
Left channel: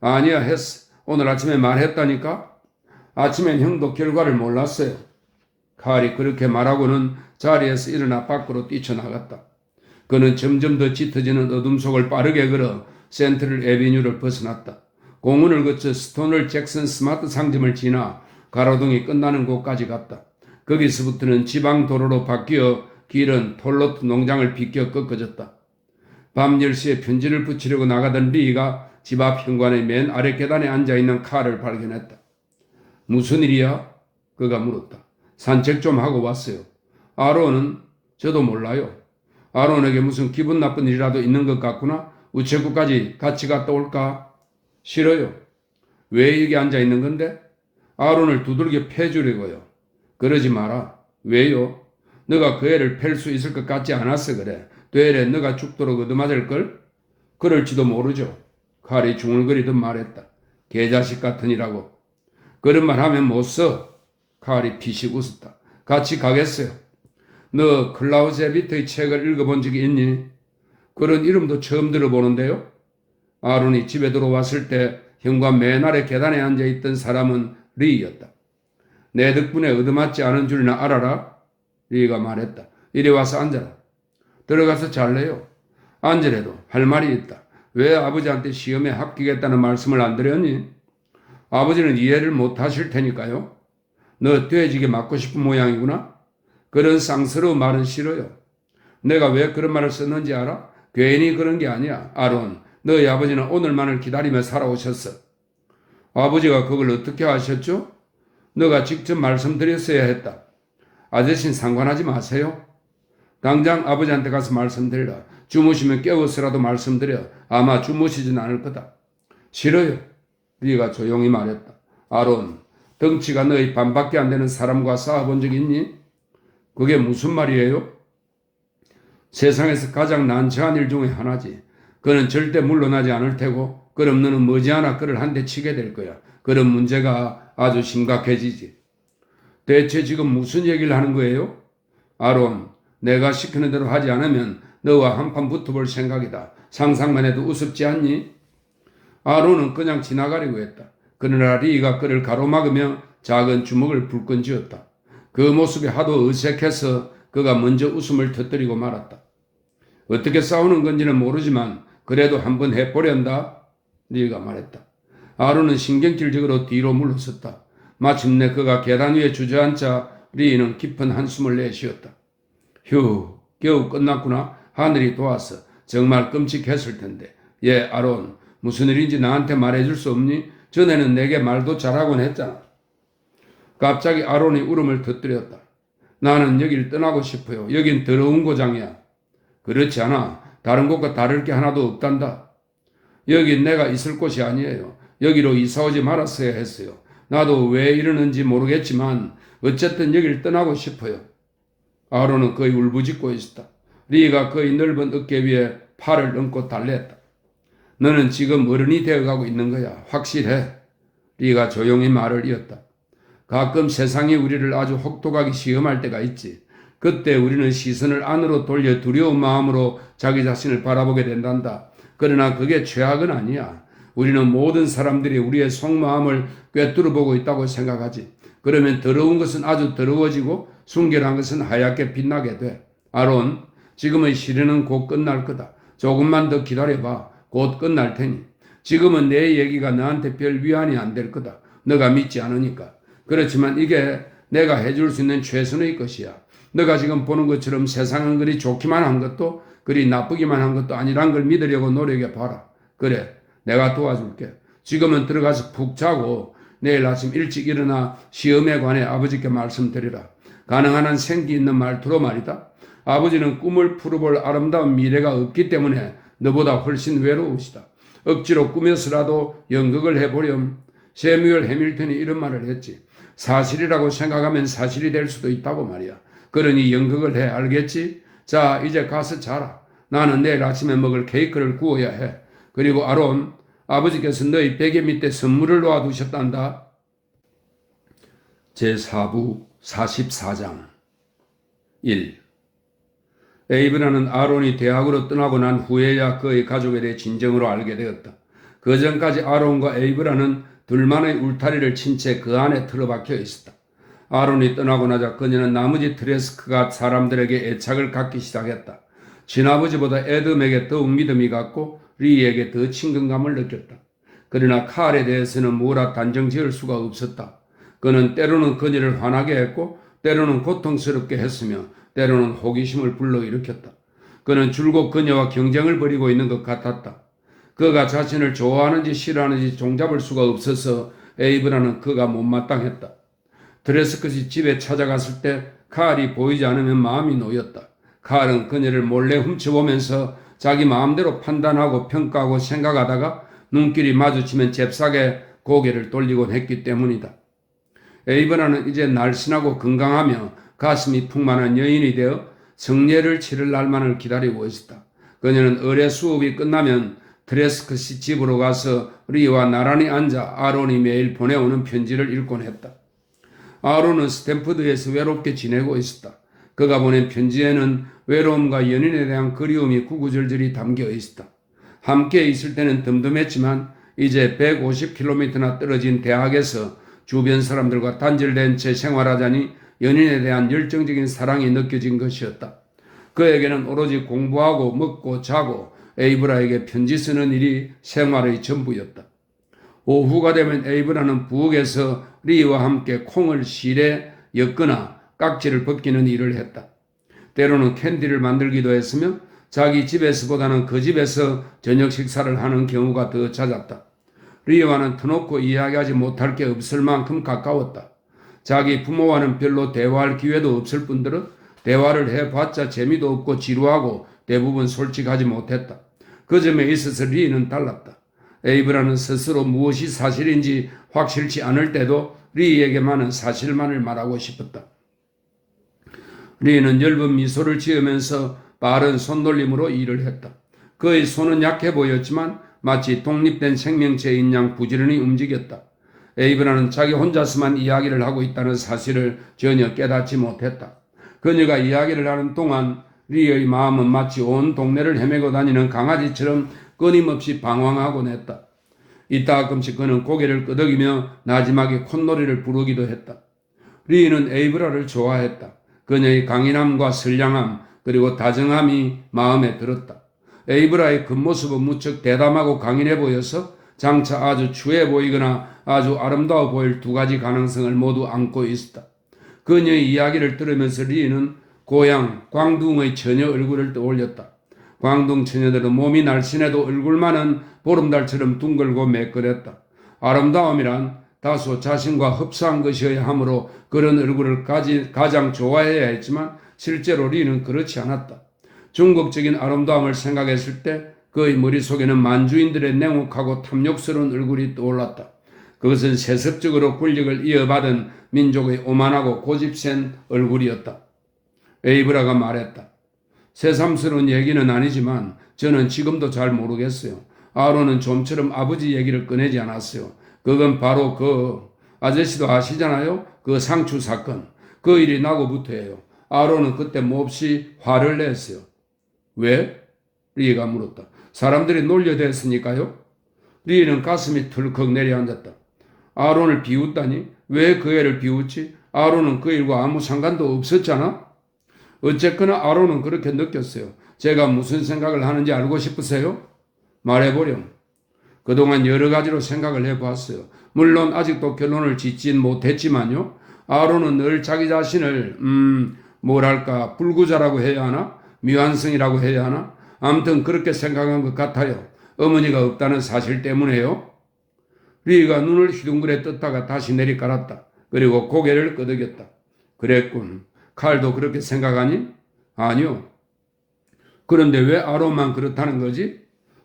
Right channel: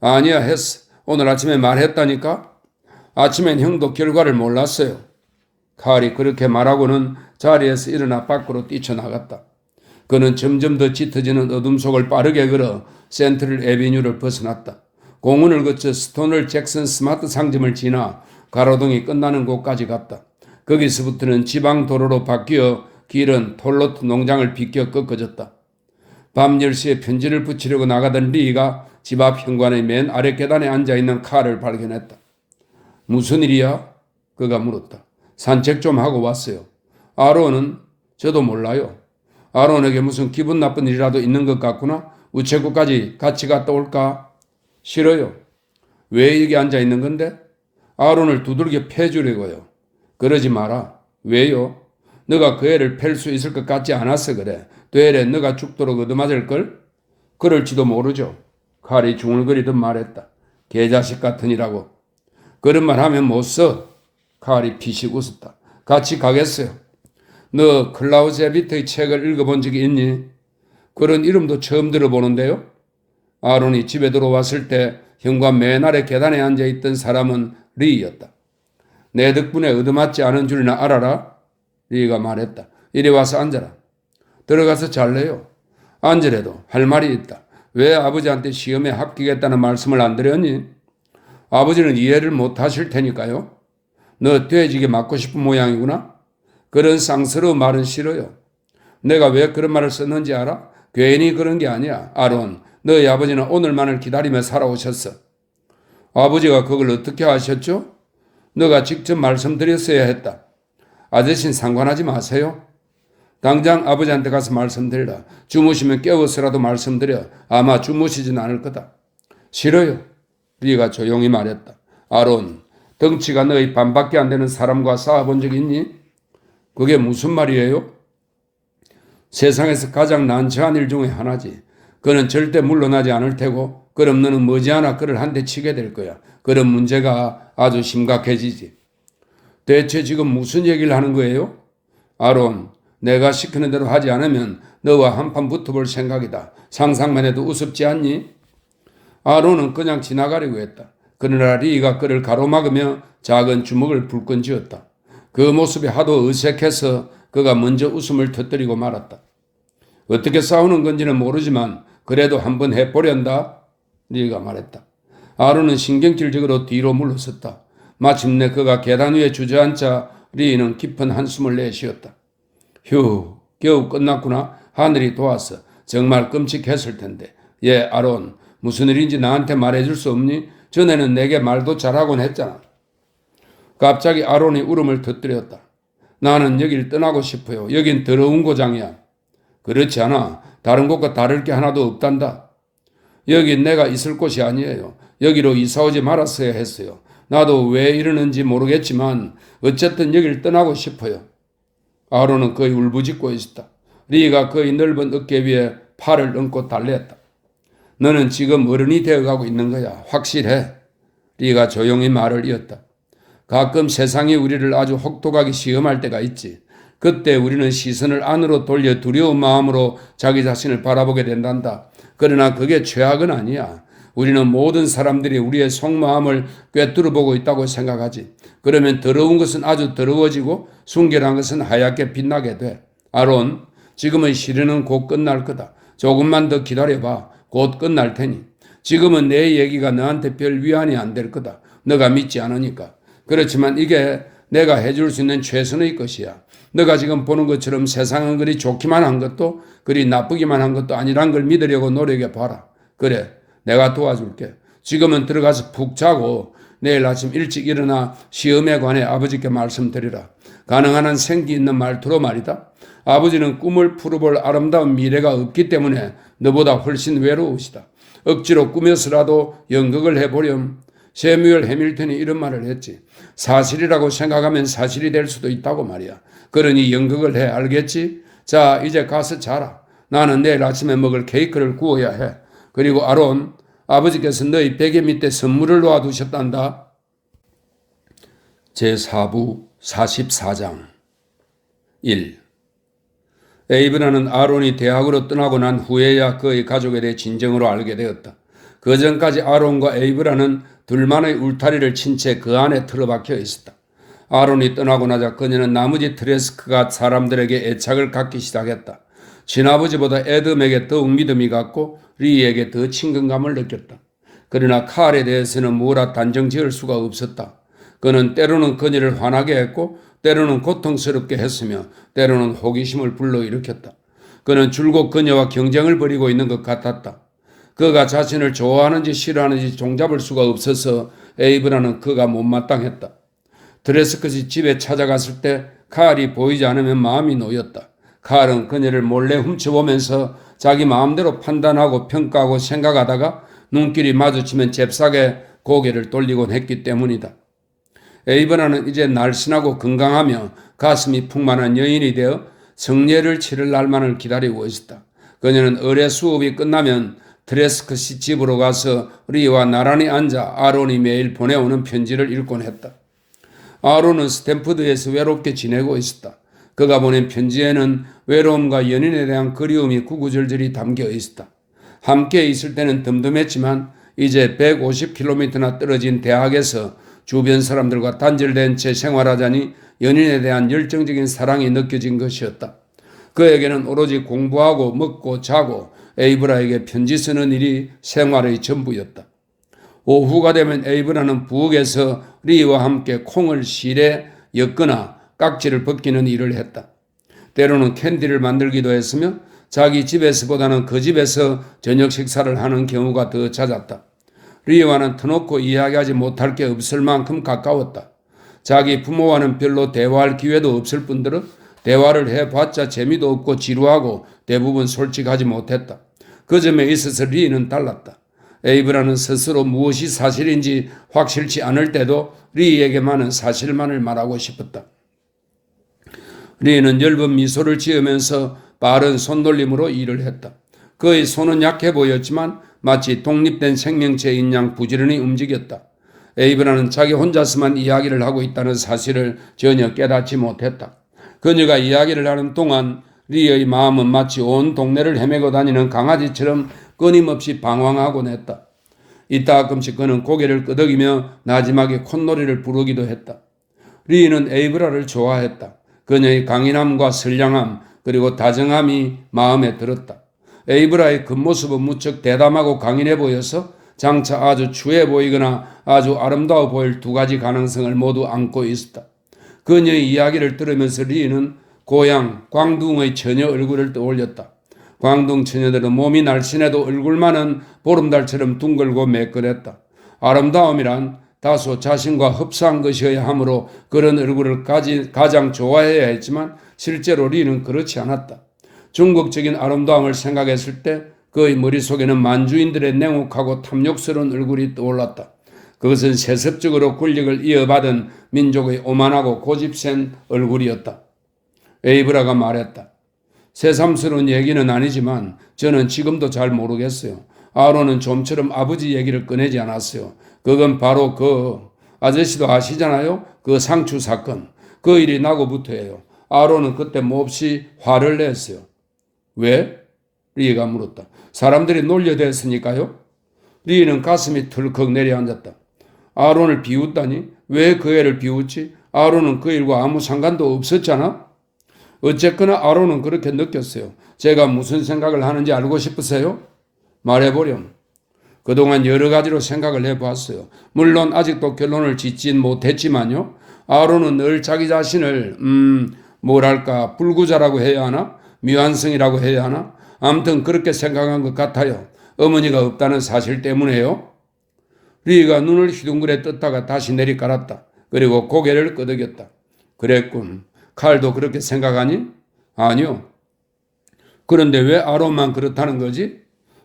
아니야, 했어. 오늘 아침에 말했다니까. 아침엔 형도 결과를 몰랐어요. 칼이 그렇게 말하고는 자리에서 일어나 밖으로 뛰쳐나갔다. 그는 점점 더 짙어지는 어둠 속을 빠르게 걸어 센트럴 애비뉴를 벗어났다. 공원을 거쳐 스토널 잭슨 스마트 상점을 지나 가로등이 끝나는 곳까지 갔다. 거기서부터는 지방 도로로 바뀌어 길은 톨로트 농장을 비껴 꺾어졌다. 밤 10시에 편지를 붙이려고 나가던 리가 집 앞 현관의 맨 아래 계단에 앉아있는 칼을 발견했다. 무슨 일이야? 그가 물었다. 산책 좀 하고 왔어요. 아론은? 저도 몰라요. 아론에게 무슨 기분 나쁜 일이라도 있는 것 같구나? 우체국까지 같이 갔다 올까? 싫어요. 왜 여기 앉아있는 건데? 아론을 두들겨 패주려고요. 그러지 마라. 왜요? 너가 그 애를 팰 수 있을 것 같지 않아서 그래. 되레 너가 죽도록 얻어맞을걸? 그럴지도 모르죠. 칼이 중얼거리듯 말했다. 개자식 같으니라고. 그런 말 하면 못 써. 칼이 피식 웃었다. 같이 가겠어요. 너 클라우제비트의 책을 읽어본 적이 있니? 그런 이름도 처음 들어보는데요. 아론이 집에 들어왔을 때 현관 맨 아래 계단에 앉아있던 사람은 리였다. 내 덕분에 얻어맞지 않은 줄이나 알아라. 리가 말했다. 이리 와서 앉아라. 들어가서 잘래요. 앉으래도 할 말이 있다. 왜 아버지한테 시험에 합격했다는 말씀을 안 드렸니? 아버지는 이해를 못 하실 테니까요. 너 돼지게 맞고 싶은 모양이구나. 그런 쌍스러운 말은 싫어요. 내가 왜 그런 말을 썼는지 알아? 괜히 그런 게 아니야. 아론, 너희 아버지는 오늘만을 기다리며 살아오셨어. 아버지가 그걸 어떻게 하셨죠? 너가 직접 말씀드렸어야 했다. 아저씨는 상관하지 마세요. 당장 아버지한테 가서 말씀드려라. 주무시면 깨워서라도 말씀드려. 아마 주무시진 않을 거다. 싫어요. 리가 조용히 말했다. 아론, 덩치가 너희 반밖에 안 되는 사람과 싸워본 적 있니? 그게 무슨 말이에요? 세상에서 가장 난처한 일 중에 하나지. 그는 절대 물러나지 않을 테고 그럼 너는 머지않아 그를 한 대 치게 될 거야. 그런 문제가 아주 심각해지지. 대체 지금 무슨 얘기를 하는 거예요? 아론, 내가 시키는 대로 하지 않으면 너와 한판 붙어볼 생각이다. 상상만 해도 우습지 않니? 아론은 그냥 지나가려고 했다. 그러나 리가 그를 가로막으며 작은 주먹을 불끈 쥐었다. 그 모습이 하도 어색해서 그가 먼저 웃음을 터뜨리고 말았다. 어떻게 싸우는 건지는 모르지만 그래도 한번 해보련다. 리가 말했다. 아론은 신경질적으로 뒤로 물러섰다. 마침내 그가 계단 위에 주저앉자 리는 깊은 한숨을 내쉬었다. 휴, 겨우 끝났구나. 하늘이 도왔어. 정말 끔찍했을 텐데. 예, 아론, 무슨 일인지 나한테 말해줄 수 없니? 전에는 내게 말도 잘하곤 했잖아. 갑자기 아론이 울음을 터뜨렸다. 나는 여길 떠나고 싶어요. 여긴 더러운 고장이야. 그렇지 않아. 다른 곳과 다를 게 하나도 없단다. 여긴 내가 있을 곳이 아니에요. 여기로 이사오지 말았어야 했어요. 나도 왜 이러는지 모르겠지만 어쨌든 여길 떠나고 싶어요. 아론은 거의 울부짖고 있었다. 리가 그의 넓은 어깨 위에 팔을 얹고 달랬다. 너는 지금 어른이 되어가고 있는 거야. 확실해. 리가 조용히 말을 이었다. 가끔 세상이 우리를 아주 혹독하게 시험할 때가 있지. 그때 우리는 시선을 안으로 돌려 두려운 마음으로 자기 자신을 바라보게 된단다. 그러나 그게 최악은 아니야. 우리는 모든 사람들이 우리의 속마음을 꿰뚫어보고 있다고 생각하지. 그러면 더러운 것은 아주 더러워지고 순결한 것은 하얗게 빛나게 돼. 아론, 지금의 시련은 곧 끝날 거다. 조금만 더 기다려봐. 곧 끝날 테니. 지금은 내 얘기가 너한테 별 위안이 안 될 거다. 너가 믿지 않으니까. 그렇지만 이게 내가 해줄 수 있는 최선의 것이야. 너가 지금 보는 것처럼 세상은 그리 좋기만 한 것도 그리 나쁘기만 한 것도 아니란 걸 믿으려고 노력해봐라. 그래, 내가 도와줄게. 지금은 들어가서 푹 자고 내일 아침 일찍 일어나 시험에 관해 아버지께 말씀드리라. 가능한 한 생기 있는 말투로 말이다. 아버지는 꿈을 풀어볼 아름다운 미래가 없기 때문에 너보다 훨씬 외로우시다. 억지로 꾸며서라도 연극을 해보렴. 세뮤얼 해밀턴이 이런 말을 했지. 사실이라고 생각하면 사실이 될 수도 있다고 말이야. 그러니 연극을 해. 알겠지? 자, 이제 가서 자라. 나는 내일 아침에 먹을 케이크를 구워야 해. 그리고 아론, 아버지께서 너희 베개 밑에 선물을 놓아두셨단다. 제4부 44장 1. 에이브라는 아론이 대학으로 떠나고 난 후에야 그의 가족에 대해 진정으로 알게 되었다. 그 전까지 아론과 에이브라는 둘만의 울타리를 친 채 그 안에 틀어박혀 있었다. 아론이 떠나고 나자 그녀는 나머지 트레스크가 사람들에게 애착을 갖기 시작했다. 친아버지보다 에덤에게 더욱 믿음이 갔고 리에게 더 친근감을 느꼈다. 그러나 칼에 대해서는 뭐라 단정 지을 수가 없었다. 그는 때로는 그녀를 화나게 했고 때로는 고통스럽게 했으며 때로는 호기심을 불러일으켰다. 그는 줄곧 그녀와 경쟁을 벌이고 있는 것 같았다. 그가 자신을 좋아하는지 싫어하는지 종잡을 수가 없어서 에이브라는 그가 못마땅했다. 드레스컷이 집에 찾아갔을 때 칼이 보이지 않으면 마음이 놓였다. 칼은 그녀를 몰래 훔쳐보면서 자기 마음대로 판단하고 평가하고 생각하다가 눈길이 마주치면 잽싸게 고개를 돌리곤 했기 때문이다. 에이브라는 이제 날씬하고 건강하며 가슴이 풍만한 여인이 되어 성례를 치를 날만을 기다리고 있었다. 그녀는 의례 수업이 끝나면 드레스컷이 집으로 가서 리와 나란히 앉아 아론이 매일 보내오는 편지를 읽곤 했다. 아론은 스탠퍼드에서 외롭게 지내고 있었다. 그가 보낸 편지에는 외로움과 연인에 대한 그리움이 구구절절히 담겨 있었다. 함께 있을 때는 덤덤했지만 이제 150km나 떨어진 대학에서 주변 사람들과 단절된 채 생활하자니 연인에 대한 열정적인 사랑이 느껴진 것이었다. 그에게는 오로지 공부하고 먹고 자고 에이브라에게 편지 쓰는 일이 생활의 전부였다. 오후가 되면 에이브라는 부엌에서 리와 함께 콩을 실에 엮거나 깍지를 벗기는 일을 했다. 때로는 캔디를 만들기도 했으며 자기 집에서보다는 그 집에서 저녁 식사를 하는 경우가 더 잦았다. 리와는 터놓고 이야기하지 못할 게 없을 만큼 가까웠다. 자기 부모와는 별로 대화할 기회도 없을 뿐더러 대화를 해봤자 재미도 없고 지루하고 대부분 솔직하지 못했다. 그 점에 있어서 리는 달랐다. 에이브라는 스스로 무엇이 사실인지 확실치 않을 때도 리에게만은 사실만을 말하고 싶었다. 리는 엷은 미소를 지으면서 빠른 손놀림으로 일을 했다. 그의 손은 약해 보였지만 마치 독립된 생명체인 양 부지런히 움직였다. 에이브라는 자기 혼자서만 이야기를 하고 있다는 사실을 전혀 깨닫지 못했다. 그녀가 이야기를 하는 동안 리의 마음은 마치 온 동네를 헤매고 다니는 강아지처럼 끊임없이 방황하곤 했다. 이따 가끔씩 그는 고개를 끄덕이며 나지막에 콧노래를 부르기도 했다. 리는 에이브라를 좋아했다. 그녀의 강인함과 선량함 그리고 다정함이 마음에 들었다. 에이브라의 겉모습은 무척 대담하고 강인해 보여서 장차 아주 추해 보이거나 아주 아름다워 보일 두 가지 가능성을 모두 안고 있었다. 그녀의 이야기를 들으면서 리는 고향 광둥의 처녀 얼굴을 떠올렸다. 광둥 처녀들은 몸이 날씬해도 얼굴만은 보름달처럼 둥글고 매끈했다. 아름다움이란 다소 자신과 흡사한 것이어야 하므로 그런 얼굴을 가장 좋아해야 했지만 실제로 리는 그렇지 않았다. 중국적인 아름다움을 생각했을 때 그의 머릿속에는 만주인들의 냉혹하고 탐욕스러운 얼굴이 떠올랐다. 그것은 세습적으로 권력을 이어받은 민족의 오만하고 고집센 얼굴이었다. 에이브라가 말했다. 새삼스러운 얘기는 아니지만 저는 지금도 잘 모르겠어요. 아론은 좀처럼 아버지 얘기를 꺼내지 않았어요. 그건 바로 그 아저씨도 아시잖아요. 그 상추 사건. 그 일이 나고부터예요. 아론은 그때 몹시 화를 냈어요. 왜? 리가 물었다. 사람들이 놀려댔으니까요. 리는 가슴이 털컥 내려앉았다. 아론을 비웃다니? 왜 그 애를 비웃지? 아론은 그 일과 아무 상관도 없었잖아? 어쨌거나 아론은 그렇게 느꼈어요. 제가 무슨 생각을 하는지 알고 싶으세요? 말해보렴. 그동안 여러 가지로 생각을 해봤어요. 물론 아직도 결론을 짓진 못했지만요. 아론은 늘 자기 자신을 뭐랄까 불구자라고 해야 하나? 미완성이라고 해야 하나? 아무튼 그렇게 생각한 것 같아요. 어머니가 없다는 사실 때문에요. 리가 눈을 휘둥그레 떴다가 다시 내리깔았다. 그리고 고개를 끄덕였다. 그랬군. 칼도 그렇게 생각하니? 아니요. 그런데 왜 아론만 그렇다는 거지?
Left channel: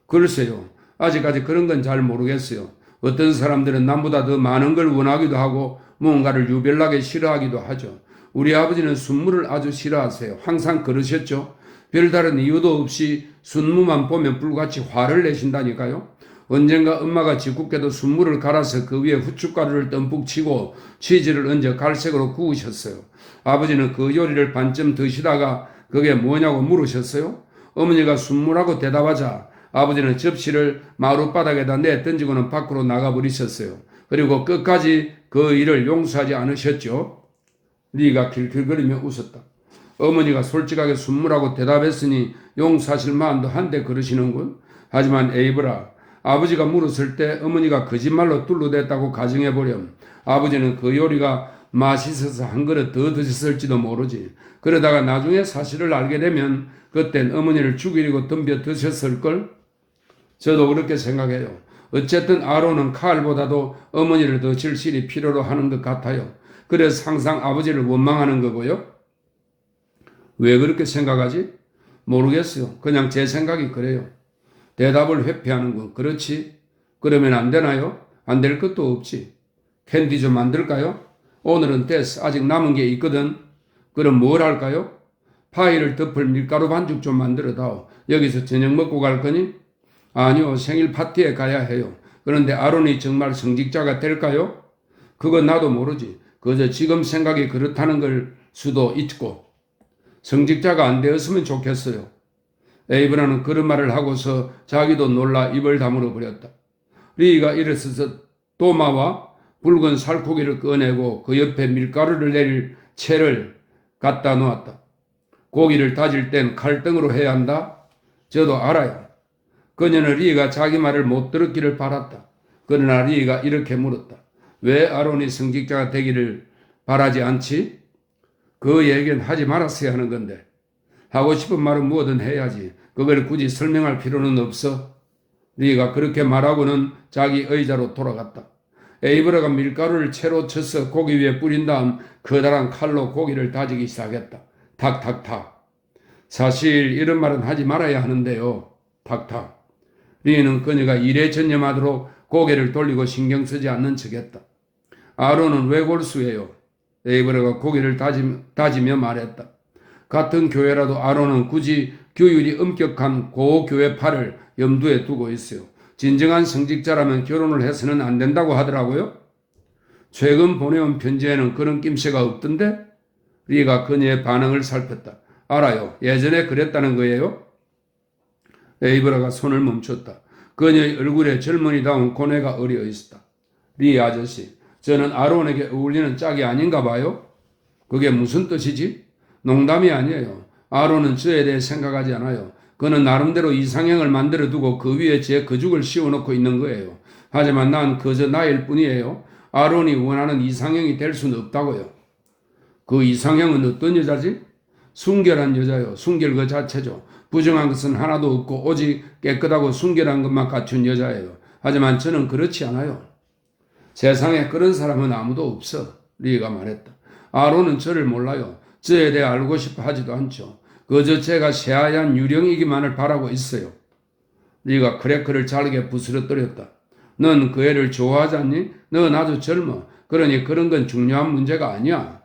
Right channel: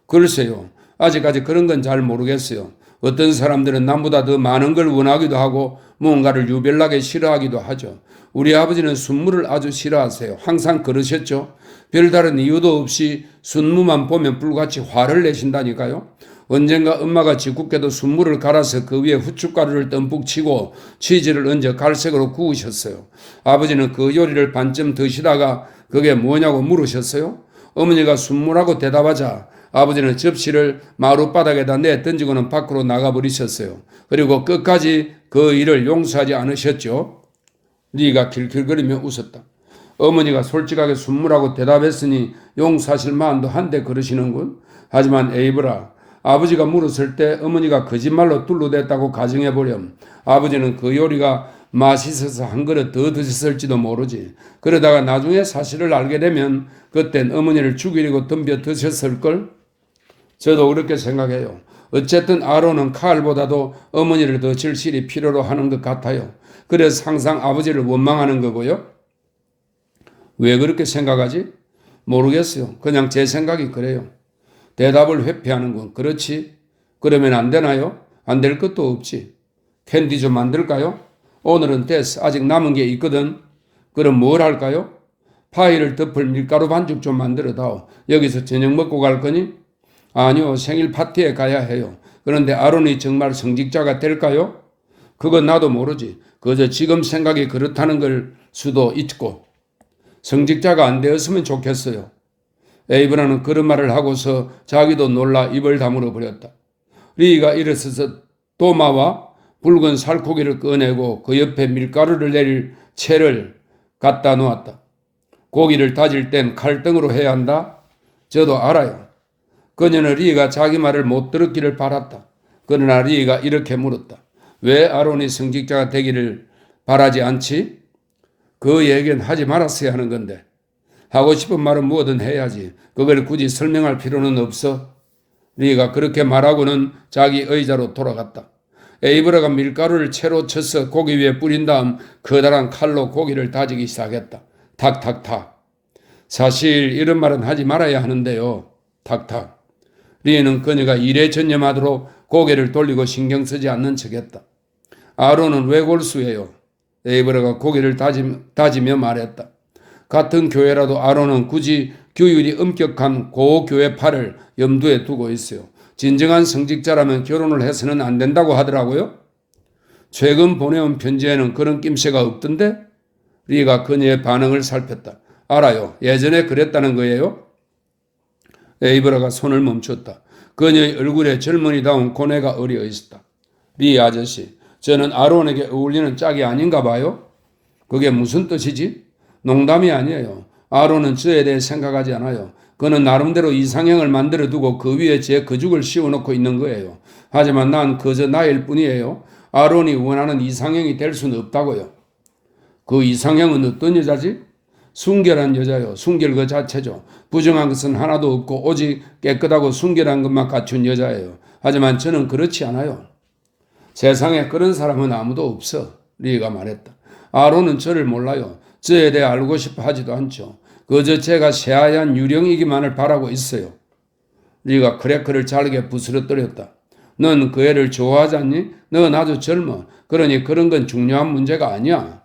글쎄요. 아직까지 그런 건 잘 모르겠어요. 어떤 사람들은 남보다 더 많은 걸 원하기도 하고 무언가를 유별나게 싫어하기도 하죠. 우리 아버지는 순무를 아주 싫어하세요. 항상 그러셨죠. 별다른 이유도 없이 순무만 보면 불같이 화를 내신다니까요. 언젠가 엄마가 짓궂게도 순무를 갈아서 그 위에 후춧가루를 듬뿍 치고 치즈를 얹어 갈색으로 구우셨어요. 아버지는 그 요리를 반쯤 드시다가 그게 뭐냐고 물으셨어요. 어머니가 순무라고 대답하자 아버지는 접시를 마룻바닥에다 내던지고는 밖으로 나가버리셨어요. 그리고 끝까지 그 일을 용서하지 않으셨죠. 리가 킬킬거리며 웃었다. 어머니가 솔직하게 순무라고 대답했으니 용서하실 마음도 한데 그러시는군. 하지만 에이브라, 아버지가 물었을 때 어머니가 거짓말로 둘러댔다고 가정해보렴. 아버지는 그 요리가 맛있어서 한 그릇 더 드셨을지도 모르지. 그러다가 나중에 사실을 알게 되면 그땐 어머니를 죽이려고 덤벼 드셨을걸? 저도 그렇게 생각해요. 어쨌든 아론은 칼보다도 어머니를 더 절실히 필요로 하는 것 같아요. 그래서 항상 아버지를 원망하는 거고요. 왜 그렇게 생각하지? 모르겠어요. 그냥 제 생각이 그래요. 대답을 회피하는군. 그렇지? 그러면 안 되나요? 안 될 것도 없지. 캔디 좀 만들까요? 오늘은 됐어. 아직 남은 게 있거든. 그럼 뭘 할까요? 파이를 덮을 밀가루 반죽 좀 만들어 다오. 여기서 저녁 먹고 갈 거니? 아니요. 생일 파티에 가야 해요. 그런데 아론이 정말 성직자가 될까요? 그건 나도 모르지. 그저 지금 생각이 그렇다는 걸 수도 있고. 성직자가 안 되었으면 좋겠어요. 에이브라는 그런 말을 하고서 자기도 놀라 입을 다물어 버렸다. 리가 일어서서 도마와 붉은 살코기를 꺼내고 그 옆에 밀가루를 내릴 채를 갖다 놓았다. 고기를 다질 땐 칼등으로 해야 한다. 저도 알아요. 그녀는 리가 자기 말을 못 들었기를 바랐다. 그러나 리가 이렇게 물었다. 왜 아론이 성직자가 되기를 바라지 않지? 그 얘기는 하지 말았어야 하는 건데. 하고 싶은 말은 뭐든 해야지. 그걸 굳이 설명할 필요는 없어. 리가 그렇게 말하고는 자기 의자로 돌아갔다. 에이브라가 밀가루를 채로 쳐서 고기 위에 뿌린 다음 커다란 칼로 고기를 다지기 시작했다. 탁탁탁. 사실 이런 말은 하지 말아야 하는데요. 탁탁. 리는 그녀가 일에 전념하도록 고개를 돌리고 신경 쓰지 않는 척했다. 아론은 왜 골수예요? 에이브라가 고개를 다지며 말했다. 같은 교회라도 아론은 굳이 규율이 엄격한 고교회파를 염두에 두고 있어요. 진정한 성직자라면 결혼을 해서는 안 된다고 하더라고요. 최근 보내온 편지에는 그런 낌새가 없던데? 리가 그녀의 반응을 살폈다. 알아요. 예전에 그랬다는 거예요? 에이브라가 손을 멈췄다. 그녀의 얼굴에 젊은이다운 고뇌가 어려 있었다. 리 아저씨, 저는 아론에게 어울리는 짝이 아닌가 봐요? 그게 무슨 뜻이지? 농담이 아니에요. 아론은 저에 대해 생각하지 않아요. 그는 나름대로 이상형을 만들어 두고 그 위에 제 거죽을 씌워놓고 있는 거예요. 하지만 난 그저 나일 뿐이에요. 아론이 원하는 이상형이 될 수는 없다고요. 그 이상형은 어떤 여자지? 순결한 여자요. 순결 그 자체죠. 부정한 것은 하나도 없고 오직 깨끗하고 순결한 것만 갖춘 여자예요. 하지만 저는 그렇지 않아요. 세상에 그런 사람은 아무도 없어. 리가 말했다. 아론은 저를 몰라요. 저에 대해 알고 싶어 하지도 않죠. 그저 제가 새하얀 유령이기만을 바라고 있어요. 리가 크래커를 잘게 부스러뜨렸다. 넌 그 애를 좋아하지 않니? 넌 아주 젊어. 그러니 그런 건 중요한 문제가 아니야.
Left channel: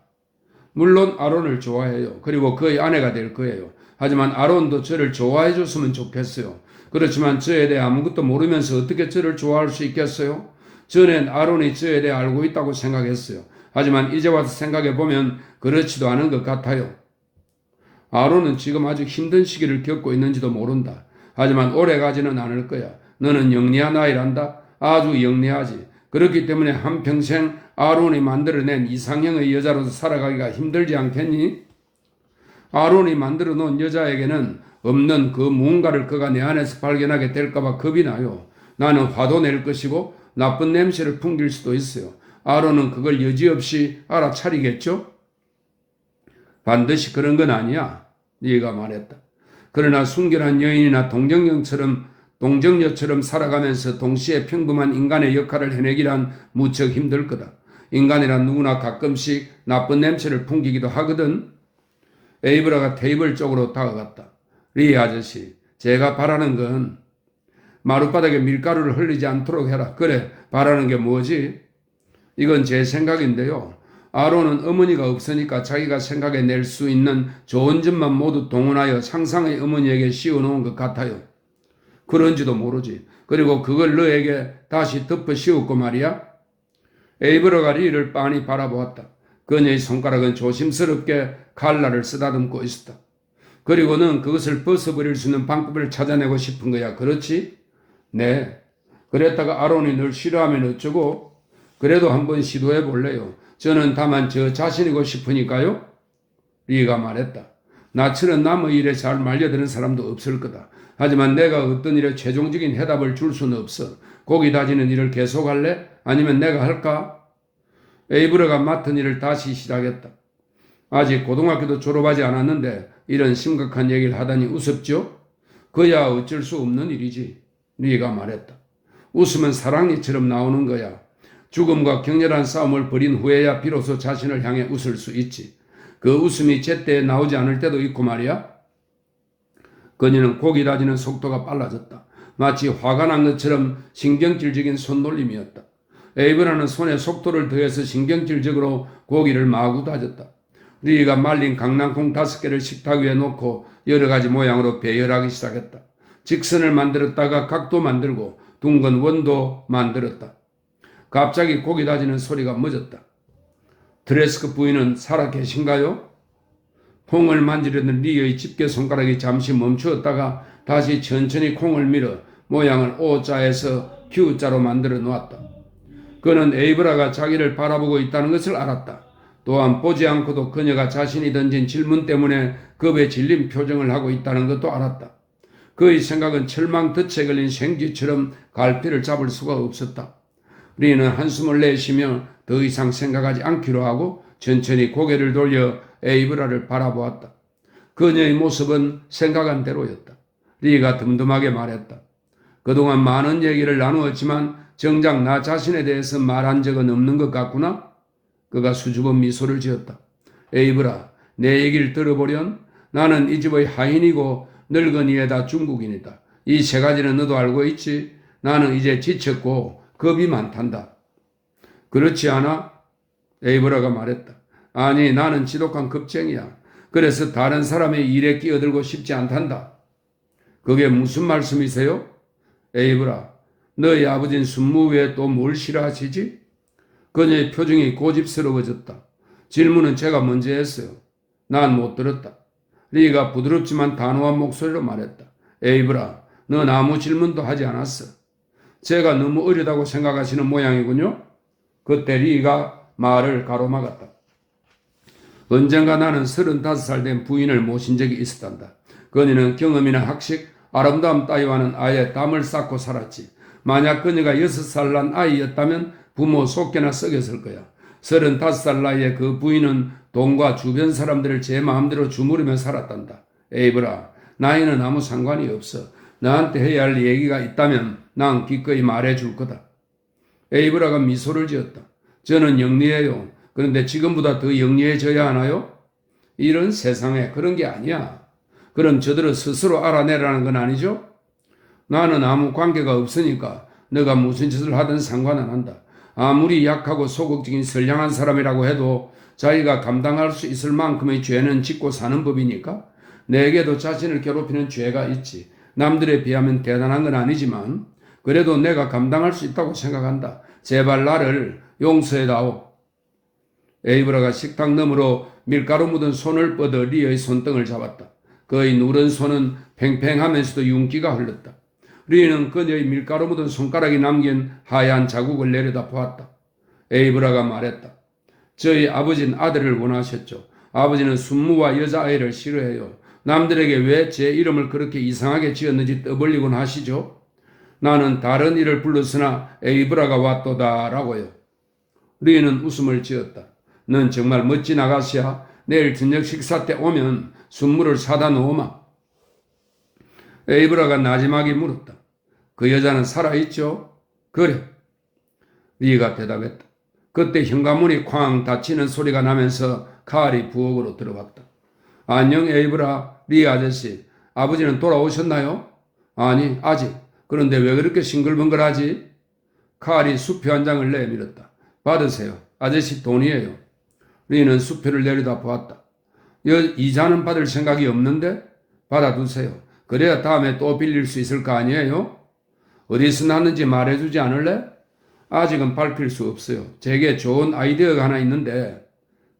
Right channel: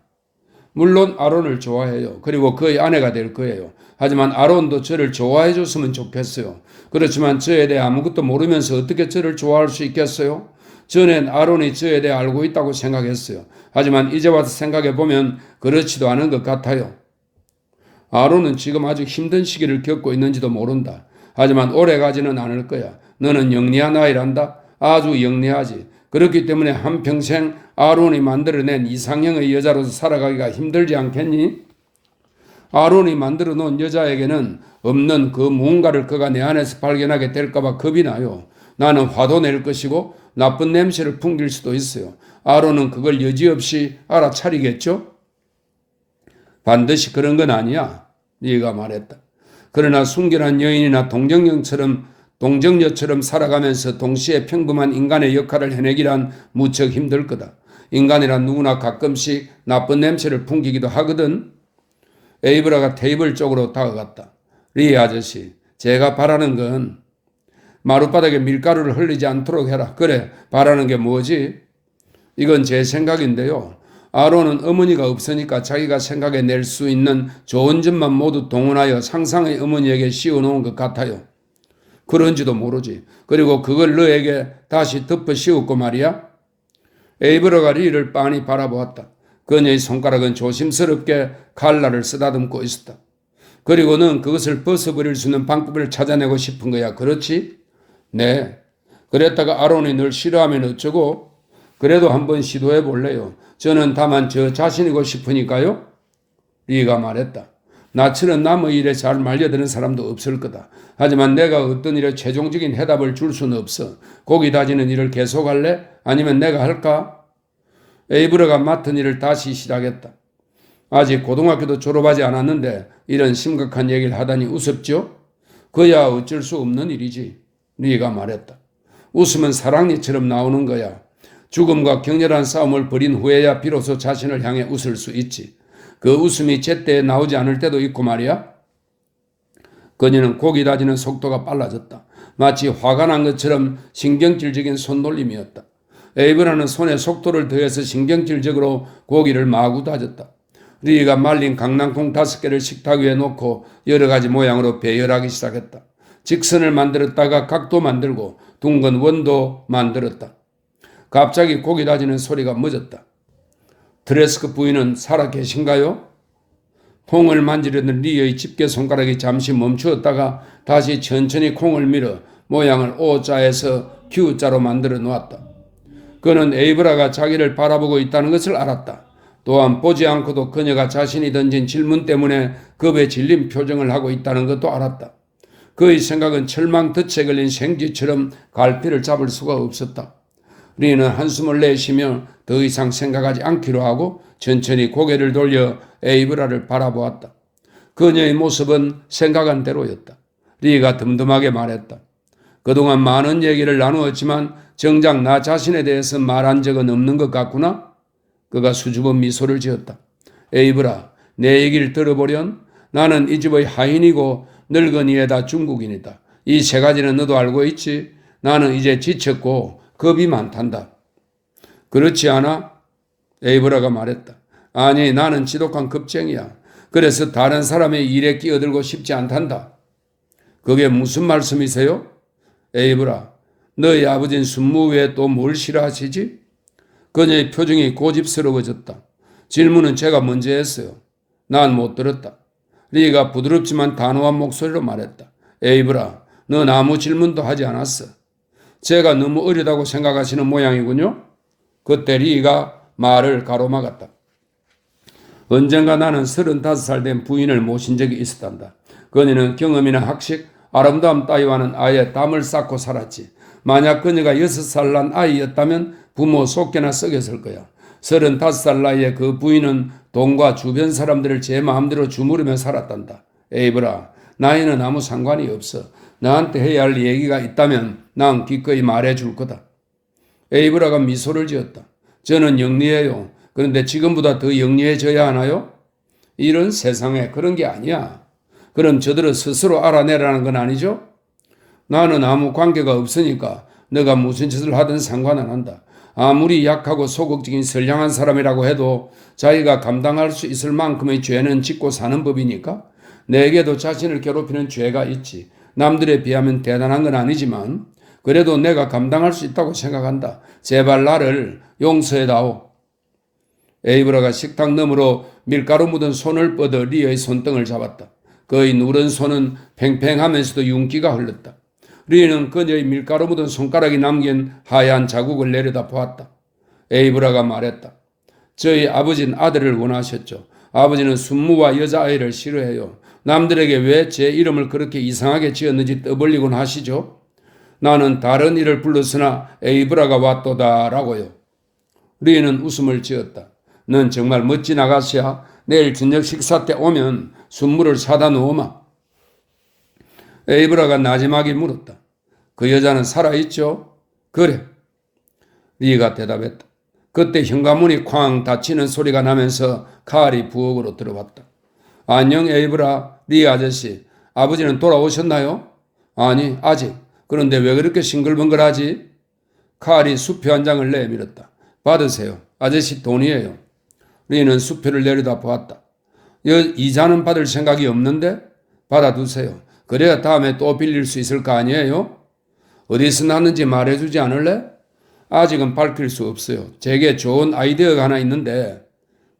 물론 아론을 좋아해요. 그리고 그의 아내가 될 거예요. 하지만 아론도 저를 좋아해 줬으면 좋겠어요. 그렇지만 저에 대해 아무것도 모르면서 어떻게 저를 좋아할 수 있겠어요? 전엔 아론이 저에 대해 알고 있다고 생각했어요. 하지만 이제 와서 생각해보면 그렇지도 않은 것 같아요. 아론은 지금 아주 힘든 시기를 겪고 있는지도 모른다. 하지만 오래가지는 않을 거야. 너는 영리한 아이란다. 아주 영리하지. 그렇기 때문에 한평생 아론이 만들어낸 이상형의 여자로서 살아가기가 힘들지 않겠니? 아론이 만들어 놓은 여자에게는 없는 그 무언가를 그가 내 안에서 발견하게 될까봐 겁이 나요. 나는 화도 낼 것이고 나쁜 냄새를 풍길 수도 있어요. 아론은 그걸 여지없이 알아차리겠죠? 반드시 그런 건 아니야. 네가 말했다. 그러나 순결한 여인이나 동정녀처럼 살아가면서 동시에 평범한 인간의 역할을 해내기란 무척 힘들 거다. 인간이란 누구나 가끔씩 나쁜 냄새를 풍기기도 하거든. 에이브라가 테이블 쪽으로 다가갔다. 리 아저씨, 제가 바라는 건 마룻바닥에 밀가루를 흘리지 않도록 해라. 그래, 바라는 게 뭐지? 이건 제 생각인데요. 아론은 어머니가 없으니까 자기가 생각해낼 수 있는 좋은 점만 모두 동원하여 상상의 어머니에게 씌워놓은 것 같아요. 그런지도 모르지. 그리고 그걸 너에게 다시 덮어 씌웠고 말이야. 에이브라가 리를 빤히 바라보았다. 그녀의 손가락은 조심스럽게 칼날을 쓰다듬고 있었다. 그리고 넌 그것을 벗어버릴 수 있는 방법을 찾아내고 싶은 거야. 그렇지? 네. 그랬다가 아론이 널 싫어하면 어쩌고? 그래도 한번 시도해 볼래요. 저는 다만 저 자신이고 싶으니까요. 리가 말했다. 나처럼 남의 일에 잘 말려드는 사람도 없을 거다. 하지만 내가 어떤 일에 최종적인 해답을 줄 수는 없어. 고기 다지는 일을 계속할래? 아니면 내가 할까? 에이브라가 맡은 일을 다시 시작했다. 아직 고등학교도 졸업하지 않았는데 이런 심각한 얘기를 하다니 우습죠? 그야 어쩔 수 없는 일이지. 리가 말했다. 웃음은 사랑니처럼 나오는 거야. 죽음과 격렬한 싸움을 벌인 후에야 비로소 자신을 향해 웃을 수 있지. 그 웃음이 제때에 나오지 않을 때도 있고 말이야. 그녀는 고기 다지는 속도가 빨라졌다. 마치 화가 난 것처럼 신경질적인 손놀림이었다. 에이브라는 손에 속도를 더해서 신경질적으로 고기를 마구 다졌다. 리가 말린 강낭콩 5개를 식탁 위에 놓고 여러 가지 모양으로 배열하기 시작했다. 직선을 만들었다가 각도 만들고 둥근 원도 만들었다. 갑자기 고기 다지는 소리가 멎었다. 드레스크 부인은 살아 계신가요? 콩을 만지려던 리의 집게 손가락이 잠시 멈추었다가 다시 천천히 콩을 밀어 모양을 O자에서 Q자로 만들어 놓았다. 그는 에이브라가 자기를 바라보고 있다는 것을 알았다. 또한 보지 않고도 그녀가 자신이 던진 질문 때문에 겁에 질린 표정을 하고 있다는 것도 알았다. 그의 생각은 철망 덫에 걸린 생쥐처럼 갈피를 잡을 수가 없었다. 리는 한숨을 내쉬며 더 이상 생각하지 않기로 하고 천천히 고개를 돌려 에이브라를 바라보았다. 그녀의 모습은 생각한 대로였다. 리가 듬듬하게 말했다. 그동안 많은 얘기를 나누었지만 정작 나 자신에 대해서 말한 적은 없는 것 같구나? 그가 수줍은 미소를 지었다. 에이브라, 내 얘기를 들어보련? 나는 이 집의 하인이고 늙은이에다 중국인이다. 이 세 가지는 너도 알고 있지? 나는 이제 지쳤고 겁이 많단다. 그렇지 않아? 에이브라가 말했다. 아니, 나는 지독한 겁쟁이야. 그래서 다른 사람의 일에 끼어들고 싶지 않단다. 그게 무슨 말씀이세요? 에이브라, 너희 아버지는 순무 외에 또 뭘 싫어하시지? 그녀의 표정이 고집스러워졌다. 질문은 제가 먼저 했어요. 난 못 들었다. 리가 부드럽지만 단호한 목소리로 말했다. 에이브라, 넌 아무 질문도 하지 않았어. 제가 너무 어리다고 생각하시는 모양이군요. 그때 리가 말을 가로막았다. 언젠가 나는 35살 된 부인을 모신 적이 있었단다. 그녀는 경험이나 학식, 아름다움 따위와는 아예 땀을 쌓고 살았지. 만약 그녀가 6살 난 아이였다면 부모 속개나 썩였을 거야. 35살 나이에 그 부인은 돈과 주변 사람들을 제 마음대로 주무르며 살았단다. 에이브라, 나이는 아무 상관이 없어. 나한테 해야 할 얘기가 있다면 난 기꺼이 말해줄 거다. 에이브라가 미소를 지었다. 저는 영리해요. 그런데 지금보다 더 영리해져야 하나요? 이런 세상에 그런 게 아니야. 그럼 저들은 스스로 알아내라는 건 아니죠? 나는 아무 관계가 없으니까 너가 무슨 짓을 하든 상관 안 한다. 아무리 약하고 소극적인 선량한 사람이라고 해도 자기가 감당할 수 있을 만큼의 죄는 짓고 사는 법이니까 내게도 자신을 괴롭히는 죄가 있지. 남들에 비하면 대단한 건 아니지만 그래도 내가 감당할 수 있다고 생각한다. 제발 나를 용서해다오. 에이브라가 식탁 너머로 밀가루 묻은 손을 뻗어 리의 손등을 잡았다. 그의 누른 손은 팽팽하면서도 윤기가 흘렀다. 리는 그녀의 밀가루 묻은 손가락이 남긴 하얀 자국을 내려다 보았다. 에이브라가 말했다. 저희 아버지는 아들을 원하셨죠. 아버지는 순무와 여자아이를 싫어해요. 남들에게 왜 제 이름을 그렇게 이상하게 지었는지 떠벌리곤 하시죠. 나는 다른 이를 불렀으나 에이브라가 왔도다라고요. 리는 웃음을 지었다. 넌 정말 멋진 아가씨야. 내일 저녁 식사 때 오면 순무를 사다 놓으마. 에이브라가 나지막이 물었다. 그 여자는 살아있죠? 그래. 리가 대답했다. 그때 현관문이 쾅 닫히는 소리가 나면서 칼이 부엌으로 들어왔다. 안녕 에이브라, 리 아저씨. 아버지는 돌아오셨나요? 아니, 아직. 그런데 왜 그렇게 싱글벙글하지? 칼이 수표 한 장을 내밀었다. 받으세요. 아저씨 돈이에요. 리는 수표를 내려다 보았다. 이자는 받을 생각이 없는데? 받아두세요. 그래야 다음에 또 빌릴 수 있을 거 아니에요? 어디서 났는지 말해주지 않을래? 아직은 밝힐 수 없어요. 제게 좋은 아이디어가 하나 있는데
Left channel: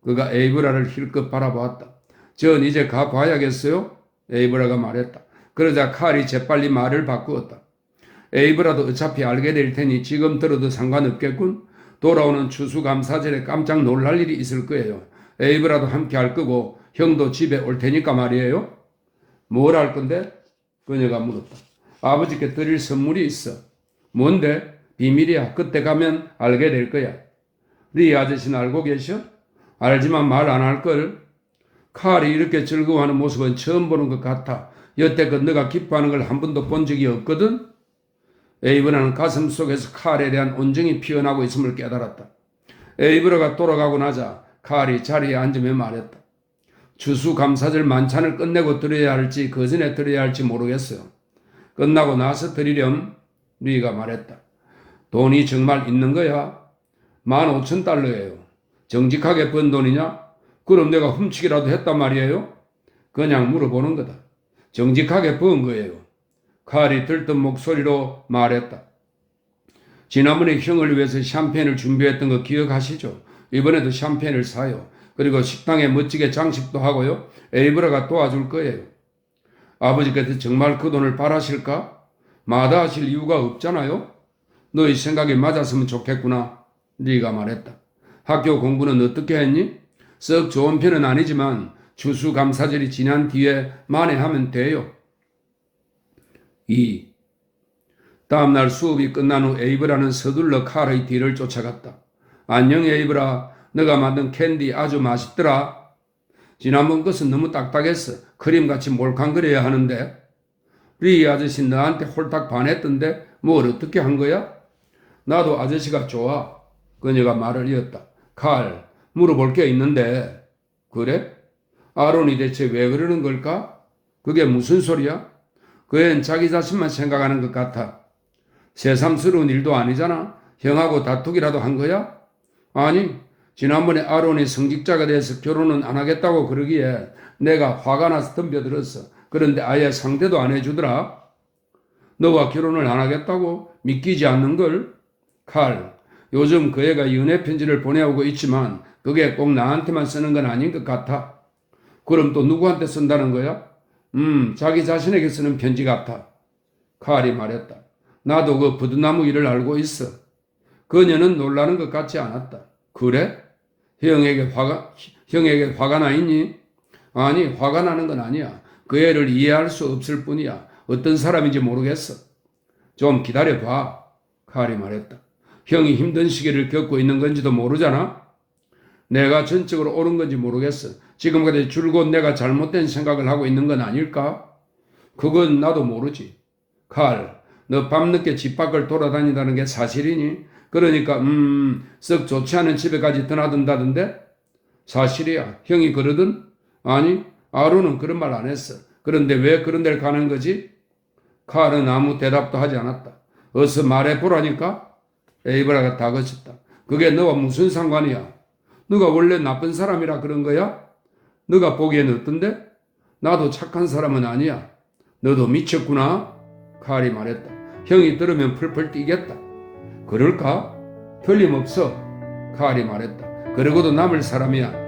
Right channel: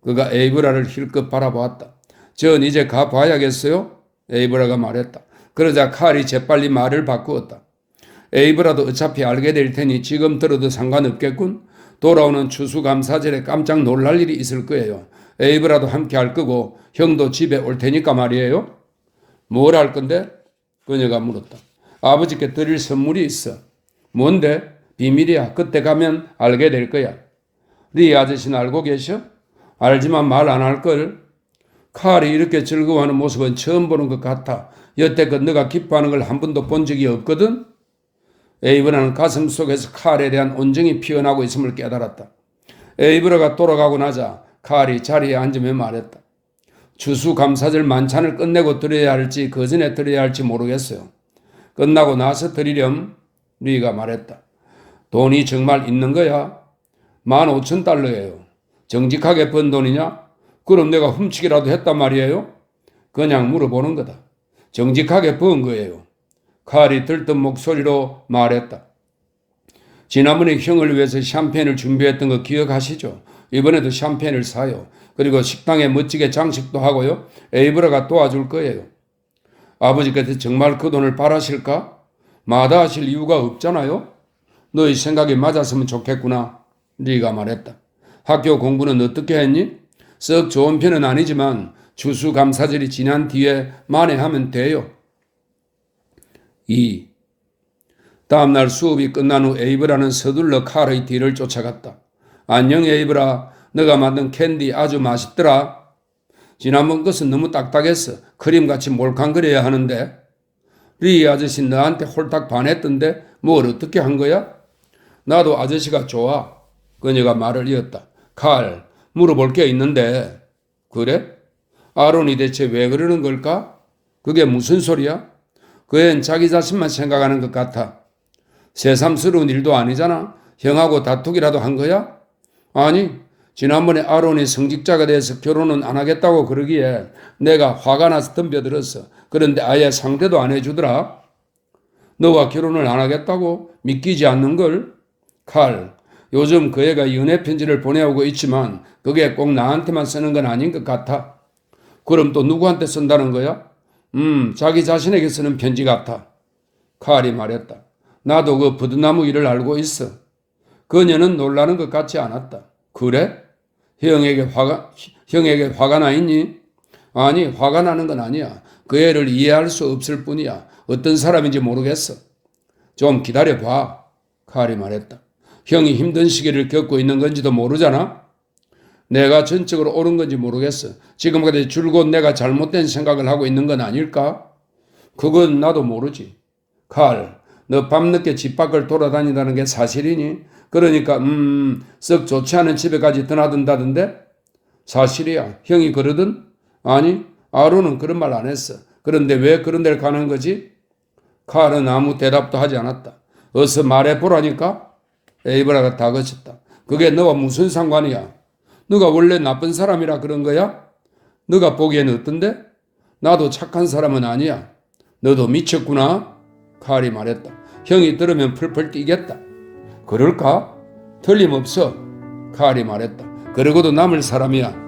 그가 에이브라를 힐끗 바라보았다. 전 이제 가봐야겠어요? 에이브라가 말했다. 그러자 칼이 재빨리 말을 바꾸었다. 에이브라도 어차피 알게 될 테니 지금 들어도 상관없겠군. 돌아오는 추수감사절에 깜짝 놀랄 일이 있을 거예요. 에이브라도 함께 할 거고 형도 집에 올 테니까 말이에요. 뭘 할 건데? 그녀가 물었다. 아버지께 드릴 선물이 있어. 뭔데? 비밀이야. 그때 가면 알게 될 거야. 네 아저씨는 알고 계셔? 알지만 말 안 할걸. 칼이 이렇게 즐거워하는 모습은 처음 보는 것 같아. 여태껏 너가 기뻐하는 걸 한 번도 본 적이 없거든? 에이브라는 가슴 속에서 칼에 대한 온정이 피어나고 있음을 깨달았다. 에이브라가 돌아가고 나자 칼이 자리에 앉으며 말했다. 추수감사절 만찬을 끝내고 드려야 할지 그 전에 드려야 할지 모르겠어요. 끝나고 나서 드리렴. 리가 말했다. 돈이 정말 있는 거야? 15,000달러예요. 정직하게 번 돈이냐? 그럼 내가 훔치기라도 했단 말이에요? 그냥 물어보는 거다. 정직하게 번 거예요. 칼이 들뜬 목소리로 말했다. 지난번에 형을 위해서 샴페인을 준비했던 거 기억하시죠? 이번에도 샴페인을 사요. 그리고 식당에 멋지게 장식도 하고요. 에이브라가 도와줄 거예요. 아버지께서 정말 그 돈을 바라실까? 마다하실 이유가 없잖아요. 너의 생각이 맞았으면 좋겠구나. 네가 말했다. 학교 공부는 어떻게 했니? 썩 좋은 편은 아니지만 추수감사절이 지난 뒤에 만회하면 돼요. 2. 다음날 수업이 끝난 후 에이브라는 서둘러 칼의 뒤를 쫓아갔다. 안녕 에이브라, 너가 만든 캔디 아주 맛있더라. 지난번 것은 너무 딱딱했어. 크림같이 몰캉거려야 하는데. 리 아저씨 너한테 홀딱 반했던데 뭘 어떻게 한 거야? 나도 아저씨가 좋아. 그녀가 말을 이었다. 칼, 물어볼 게 있는데. 그래? 아론이 대체 왜 그러는 걸까? 그게 무슨 소리야? 그 애는 자기 자신만 생각하는 것 같아. 새삼스러운 일도 아니잖아. 형하고 다투기라도 한 거야? 아니, 지난번에 아론이 성직자가 돼서 결혼은 안 하겠다고 그러기에 내가 화가 나서 덤벼들었어. 그런데 아예 상대도 안 해주더라. 너와 결혼을 안 하겠다고? 믿기지 않는걸? 칼, 요즘 그 애가 연애 편지를 보내오고 있지만 그게 꼭 나한테만 쓰는 건 아닌 것 같아. 그럼 또 누구한테 쓴다는 거야? 자기 자신에게 쓰는 편지 같아. 칼이 말했다. 나도 그 부드나무 일을 알고 있어. 그녀는 놀라는 것 같지 않았다. 그래? 형에게 화가 나 있니? 아니, 화가 나는 건 아니야. 그 애를 이해할 수 없을 뿐이야. 어떤 사람인지 모르겠어. 좀 기다려봐. 칼이 말했다. 형이 힘든 시기를 겪고 있는 건지도 모르잖아? 내가 전적으로 옳은 건지 모르겠어. 지금까지 줄곧 내가 잘못된 생각을 하고 있는 건 아닐까? 그건 나도 모르지. 칼, 너 밤늦게 집 밖을 돌아다닌다는 게 사실이니? 그러니까 썩 좋지 않은 집에까지 드나든다던데? 사실이야. 형이 그러든? 아니, 아론은 그런 말 안 했어. 그런데 왜 그런 데를 가는 거지? 칼은 아무 대답도 하지 않았다. 어서 말해보라니까? 에이브라가 다그쳤다. 그게 너와 무슨 상관이야? 너가 원래 나쁜 사람이라 그런 거야? 너가 보기에는 어떤데? 나도 착한 사람은 아니야. 너도 미쳤구나? 칼이 말했다. 형이 들으면 풀풀 뛰겠다. 그럴까? 틀림없어. 칼이 말했다. 그러고도 남을 사람이야.